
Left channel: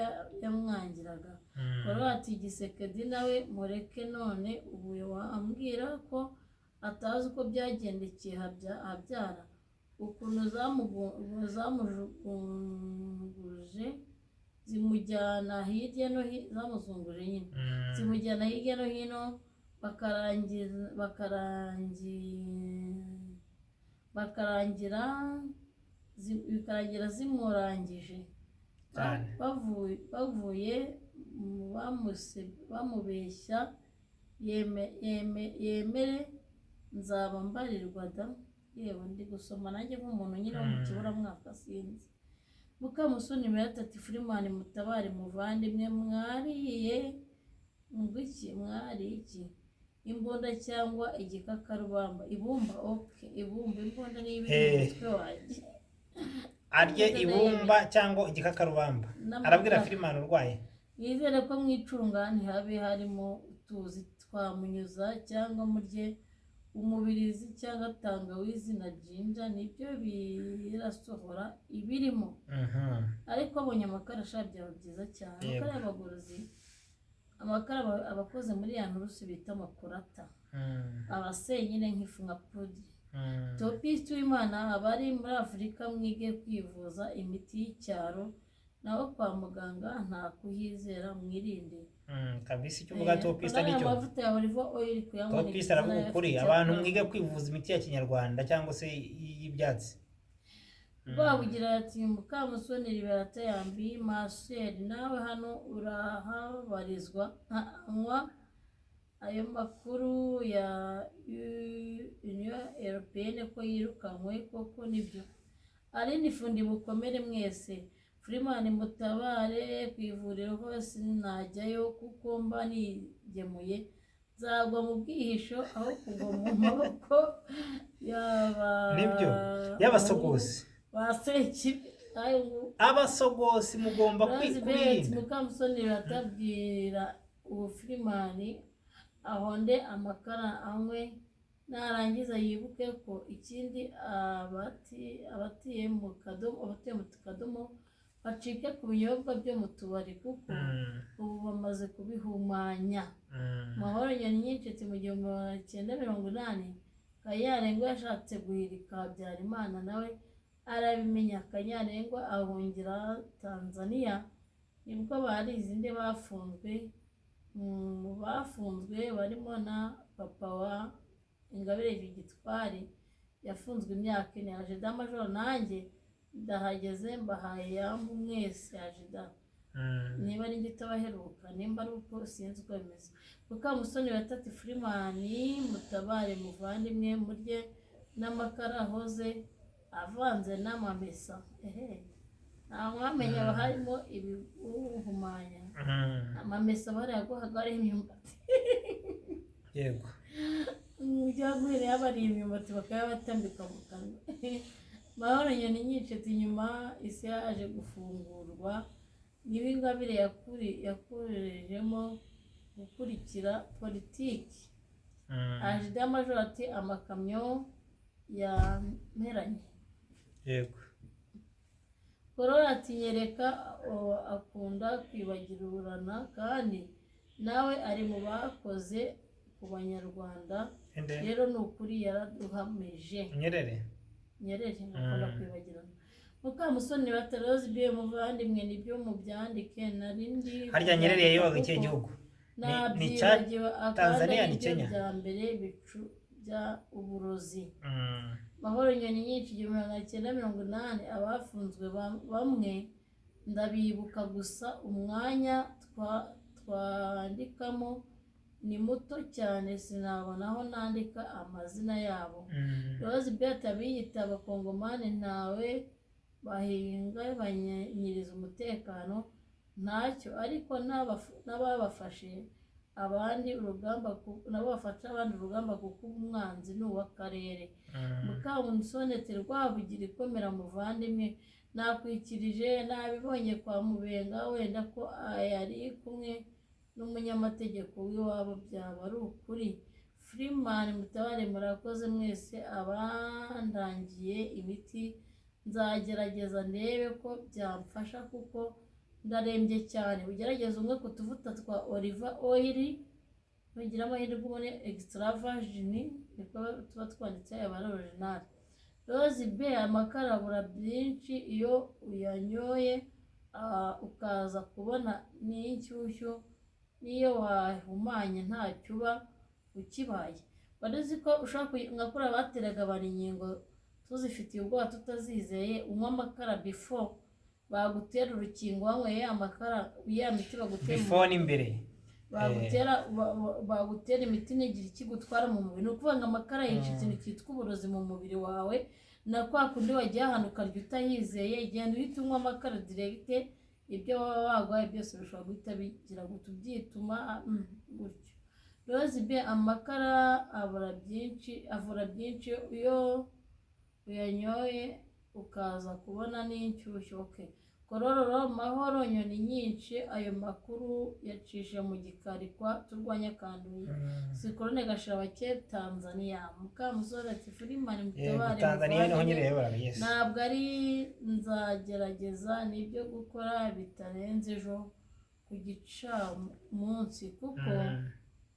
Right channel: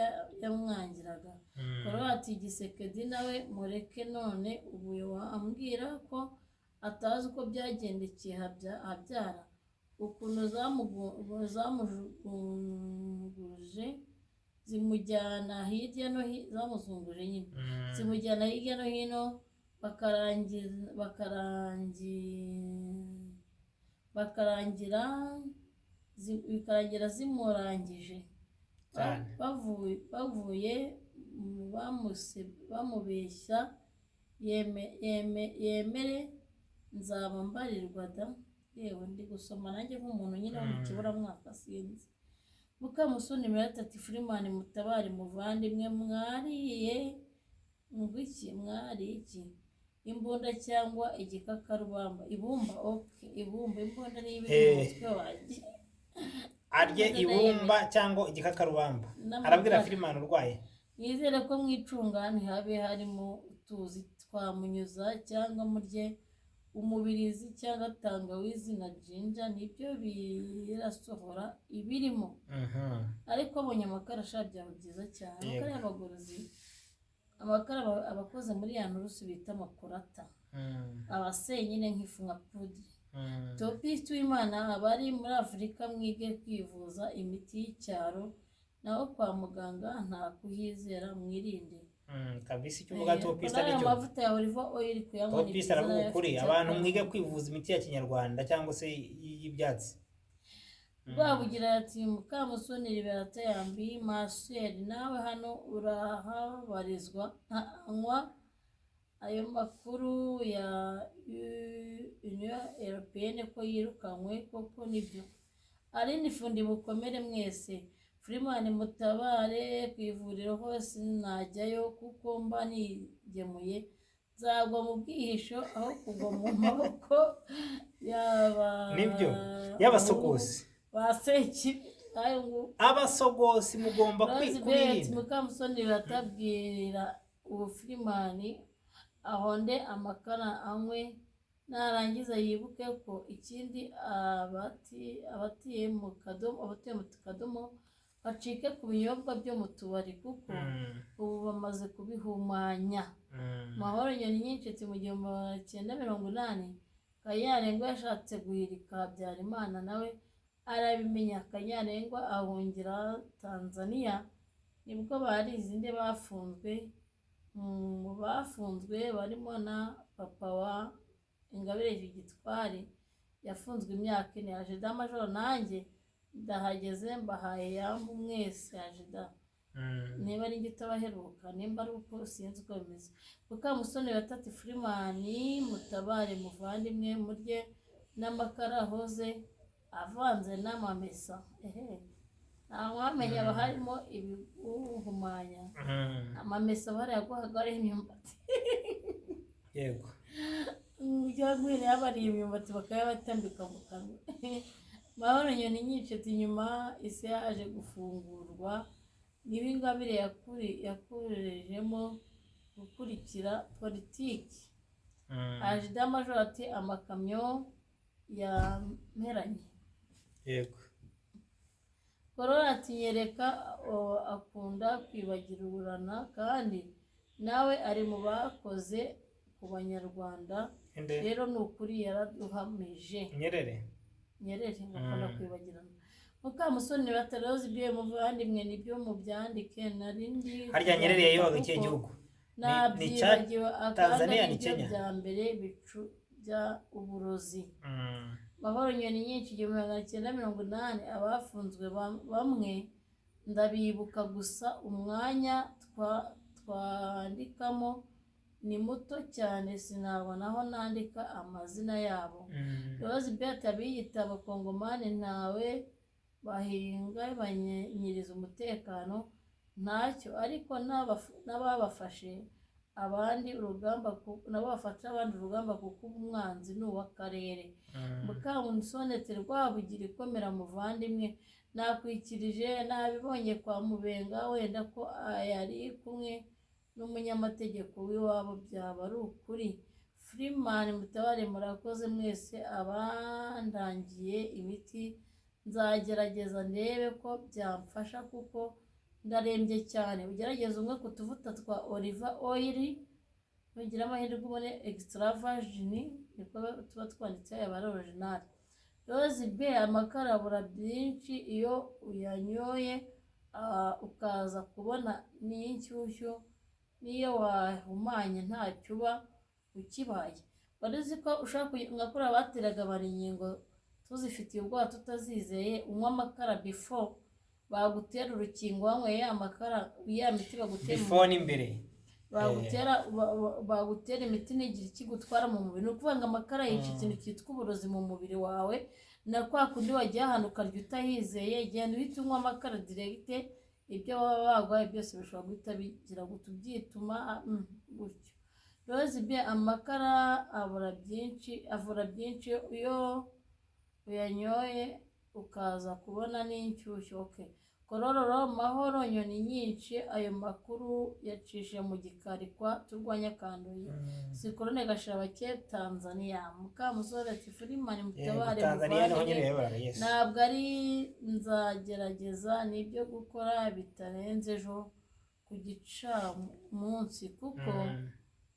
yamwangiraga. Ati Gisekedi nawe mureke none ubu wambwira ko atazi uko byagendekeye Habyara, ukuntu zamujunguje zimujyana hirya no hino, zamuzunguje nyine zimujyana hirya no hino bikarangira zimurangije. Bavuye bamubeshya yemere nzaba mbarirwa da. Yewe ndi gusoma nanjye nk'umuntu nyine wo mu kiburamwaka sinzi. Mukamusoni Ati Freeman Mutabari muvandimwe, mwariye ngwiki iki imbunda cyangwa igikakarubamba? Ibumba. Okay, imbunda ni ibiri mu mutwe wanjye. Arye ibumba cyangwa igikakarubamba, arabwira Freeman urwaye. Nizere ko mwicunga ntihabe harimo utuzi twamunyuza, cyangwa murye umubirizi cyangwa tangawizi na jinja, nibyo birasohora ibirimo. Ariko abonye amakara byaba byiza cyane. Amakara y'abagorozi, amakara abakoze muri ya nturusu bita makurata, abaseye nyine nk'ifu nka podi. Theopiste Uwimana abari muri Afurika mwige kwivuza imiti y'icyaro, naho kwa muganga nta kuhizera, mwirinde kabisa. Icyo uvuga Theopiste nicyo. Amavuta ya olive oil kuyanywa. Theopiste aravuga ukuri, abantu mwige kwivuza imiti ya kinyarwanda cyangwa se y'ibyatsi. Rwabugira ati Mukamusoni Liberate yambi Marcel nawe hano urahabarizwa anywa ayo makuru ya Union Européenne ko yirukanywe koko nibyo. Ari nifundi mukomere mwese. Freeman Mutabare ku ivuriro hose najyayo kuko mba nigemuye, nzagwa mu bwihisho aho kugwa mu maboko y'abasogozi. Abasogozi mugomba kwirinda. Mukamusoni batabwira ubu Freeman ahonde amakara anywe, narangiza yibuke ko ikindi abatiye mu kadomo bacike ku binyobwa byo mu tubari kuko ubu bamaze kubihumanya. Mahoro nyoni nyinshi mu 1980 Kanyarengwa yashatse guhirika Habyarimana nawe arabimenya. Kanyarengwa ahungira Tanzania, nibwo bari izindi bafunzwe barimo na papa wa Ingabire Victoire yafunzwe imyaka 4. Ajida Major nanjye ndahageze mbahaye yambu mwese Ajida. Niba ari ngita baheruka nimba ari uko sinzi uko bimeze. Mukamusoni batati Freeman mutabare muvandimwe murye n'amakara hoze avanze n'amamesa. Ntamwamenya harimo ibiguhumanya. Amamesa barayaguhaga ari imyumbati. Yego. Ujyagwire yabariye imyumbati bakayabatambika mu kanwa. Mahoro Nyoni nyicetse inyuma isi yaje gufungurwa. Niba Ingabire yakurejemo gukurikira politiki. Ajida Major ati amakamyo yameranye. Yego. Korora ati nyereka akunda kwibagirurana kandi nawe ari mu bakoze ku banyarwanda. Rero ni ukuri yaraduhamije. Nyerere akunda kwibagirana. Mukamusoni batarozi bye muvandimwe nibyo mubyandike narindi. Harya Nyerere yayobaga iki gihugu? Ni Tanzania ni Kenya. Bya mbere bicu bya uburozi. Mahoro Nyoni nyinshi 1980 abafunzwe bamwe ndabibuka gusa umwanya twandikamo ni muto cyane sinabona aho nandika amazina yabo. Rose Beta biyita abakongomani ntawe bahinga banyiriza umutekano ntacyo ariko n'ababafashe abandi urugamba nabo bafata abandi urugamba kuko umwanzi ni uw'akarere. Mukamusonete Rwabugira ikomera muvandimwe nakwikirije nabibonye kwa Mubenga wenda ko yari kumwe n'umunyamategeko w'iwabo byaba ari ukuri. Freeman mutabare murakoze mwese abandangiye imiti nzagerageza ndebe ko byamfasha kuko ndarembye cyane. Ugerageza umwe ku tuvuta twa olive oil nugira amahirwe ubone extra virgin niko tuba twanditse aba original. Rose B amakara abura byinshi iyo uyanyoye ukaza kubona n'inshyushyu niyo wahumanye ntacyo uba ukibaye. Warizi ko ushaka ngakora bateraga bari inkingo tuzifitiye ubwoba tutazizeye unywa amakara before bagutera urukingo wanyweye amakara ya miti bagutera before n'imbere bagutera imiti n'igira ikigutwara mu mubiri. No kuvanga amakara yica ikintu cyitwa uburozi mu mubiri wawe na kwa kundi wagiye ahantu ukarya utayizeye genda uhita unywa amakara direct ibyo baba bagwaye byose bishobora guhita bigira gutubyituma gutyo. Rose B amakara avura byinshi iyo uyanyoye ukaza kubona n'inshyushyu. Okay. Korororo Mahoro Nyoni nyinshi ayo makuru yacishe mu gikari kwa turwanya kanduye. Sikorone Gashirabake Tanzania. Mukamusore ati Freeman mutabare Tanzania naho Nyerere yabaraga. Yes. Ntabwo ari nzagerageza nibyo gukora bitarenze ejo ku gicamunsi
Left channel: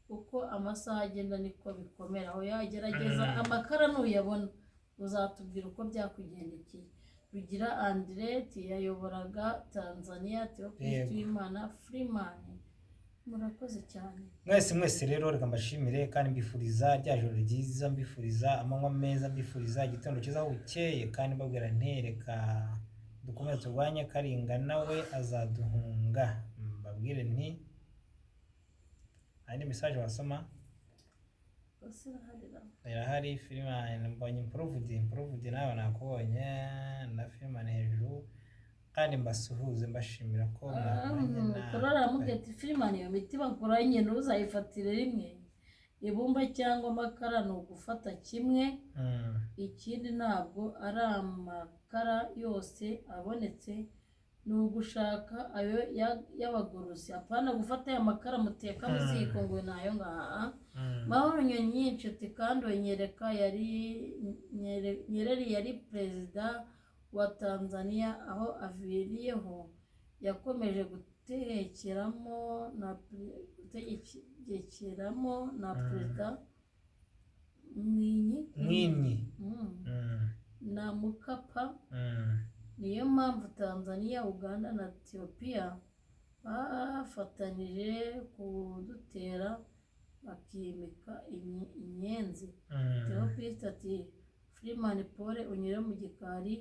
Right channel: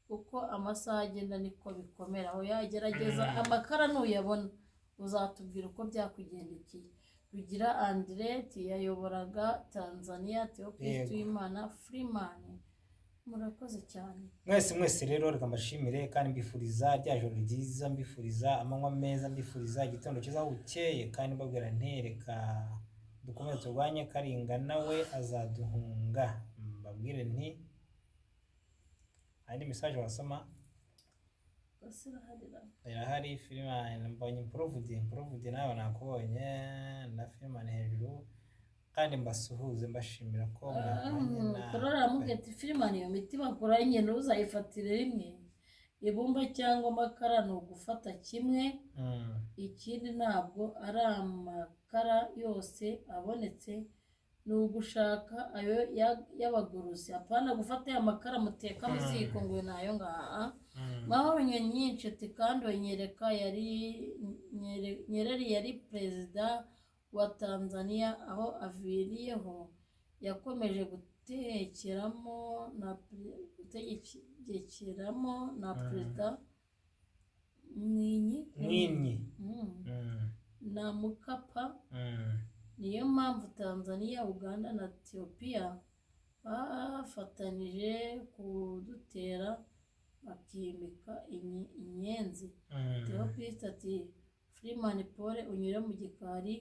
kuko amasaha agenda niko bikomera. Aho yagerageza amakara nuyabona uzatubwira uko byakugendekeye. Rugira Andret yayoboraga Tanzania Theophilus Imana Freeman murakoze cyane. Mwese rero reka mbashimire kandi mbifuriza rya joro ryiza mbifuriza amanywa meza mbifuriza igitondo cyiza bukeye kandi mbabwira ntereka dukomeze turwanye Karinga nawe azaduhunga. Mbabwire nti andi message wasoma irahari. Freeman mbonye improved nawe nakubonye na Freeman hejuru kandi mbasuhuze mbashimira ko korora mugeti Freeman iyo miti bakoranye ntuzayifatire rimwe ibumba cyangwa amakara ni ugufata kimwe. Ikindi ntabwo ari amakara yose abonetse ni ugushaka ayo y'abagorozi apana gufata aya makara muteka mu ziko ngo nayo ngaha. Mahoro Nyoni nyinshi ati kandi nyereka Nyerere yari perezida wa Tanzania aho aviriyeho yakomeje gutekeramo na perezida Mwinyi na Mukapa. Niyo mpamvu Tanzania Uganda na Ethiopia bafatanyije kudutera bakimika inyenzi. Mm. Theophilus ati Freeman Paul unyure mu gikari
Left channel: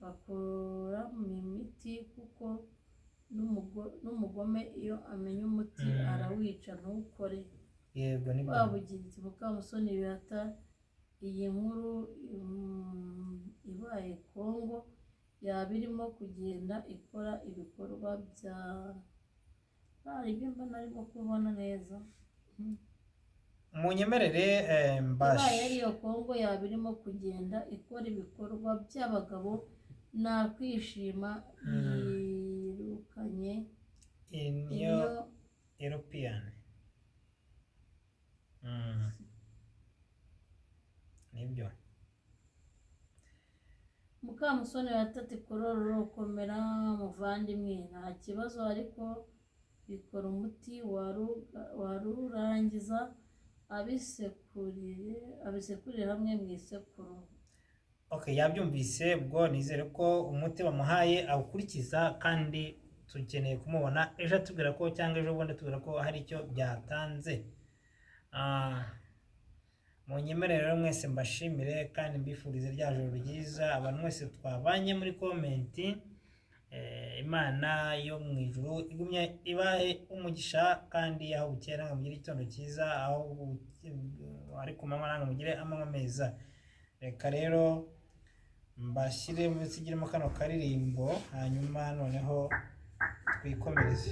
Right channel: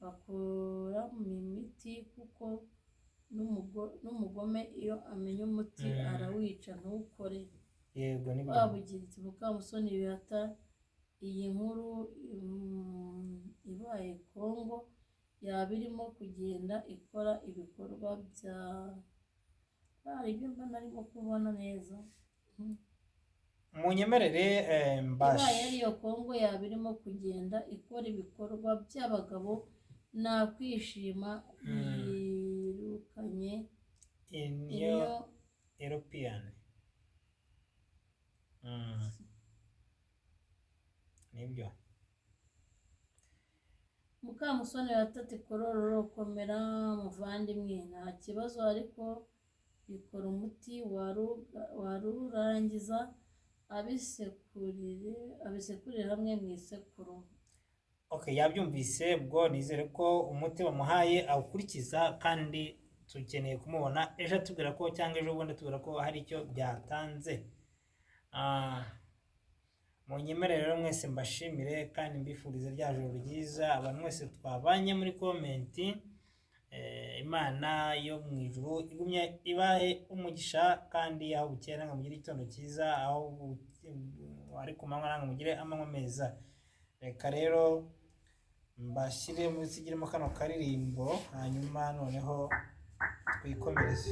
bakora mu miti kuko n'umugome iyo amenya umuti arawica ntukore. Yego nibyo. Wabugiritse Mukamusoni Beata iyi nkuru ibaye Kongo yaba irimo kugenda ikora ibikorwa bya ibyo mba narimo kubona neza. Munyemerere ibaye ariyo Kongo yaba irimo kugenda ikora ibikorwa by'abagabo nakwishima. Yirukanye iyo European. Nibyo. Mukamusoni yatati kororo komera muvandimwe nta kibazo ariko bikora umuti warurangiza abisekurire hamwe mu isekuru. Okay, yabyumvise ubwo nizere ko umuti bamuhaye awukurikiza kandi tukeneye kumubona ejo atubwira ko cyangwa ejo bundi atubwira ko hari icyo byatanze. Munyemerere rero mwese mbashimire kandi mbifurize rya joro ryiza abantu mwese twabanye muri komenti. Imana yo mu ijuru igumye ibahe umugisha kandi aho bukera ngo mugire igitondo cyiza, aho ari ku manywa nange mugire amanywa meza. Reka rero mbashyire musigiremo kano karirimbo hanyuma noneho twikomereze.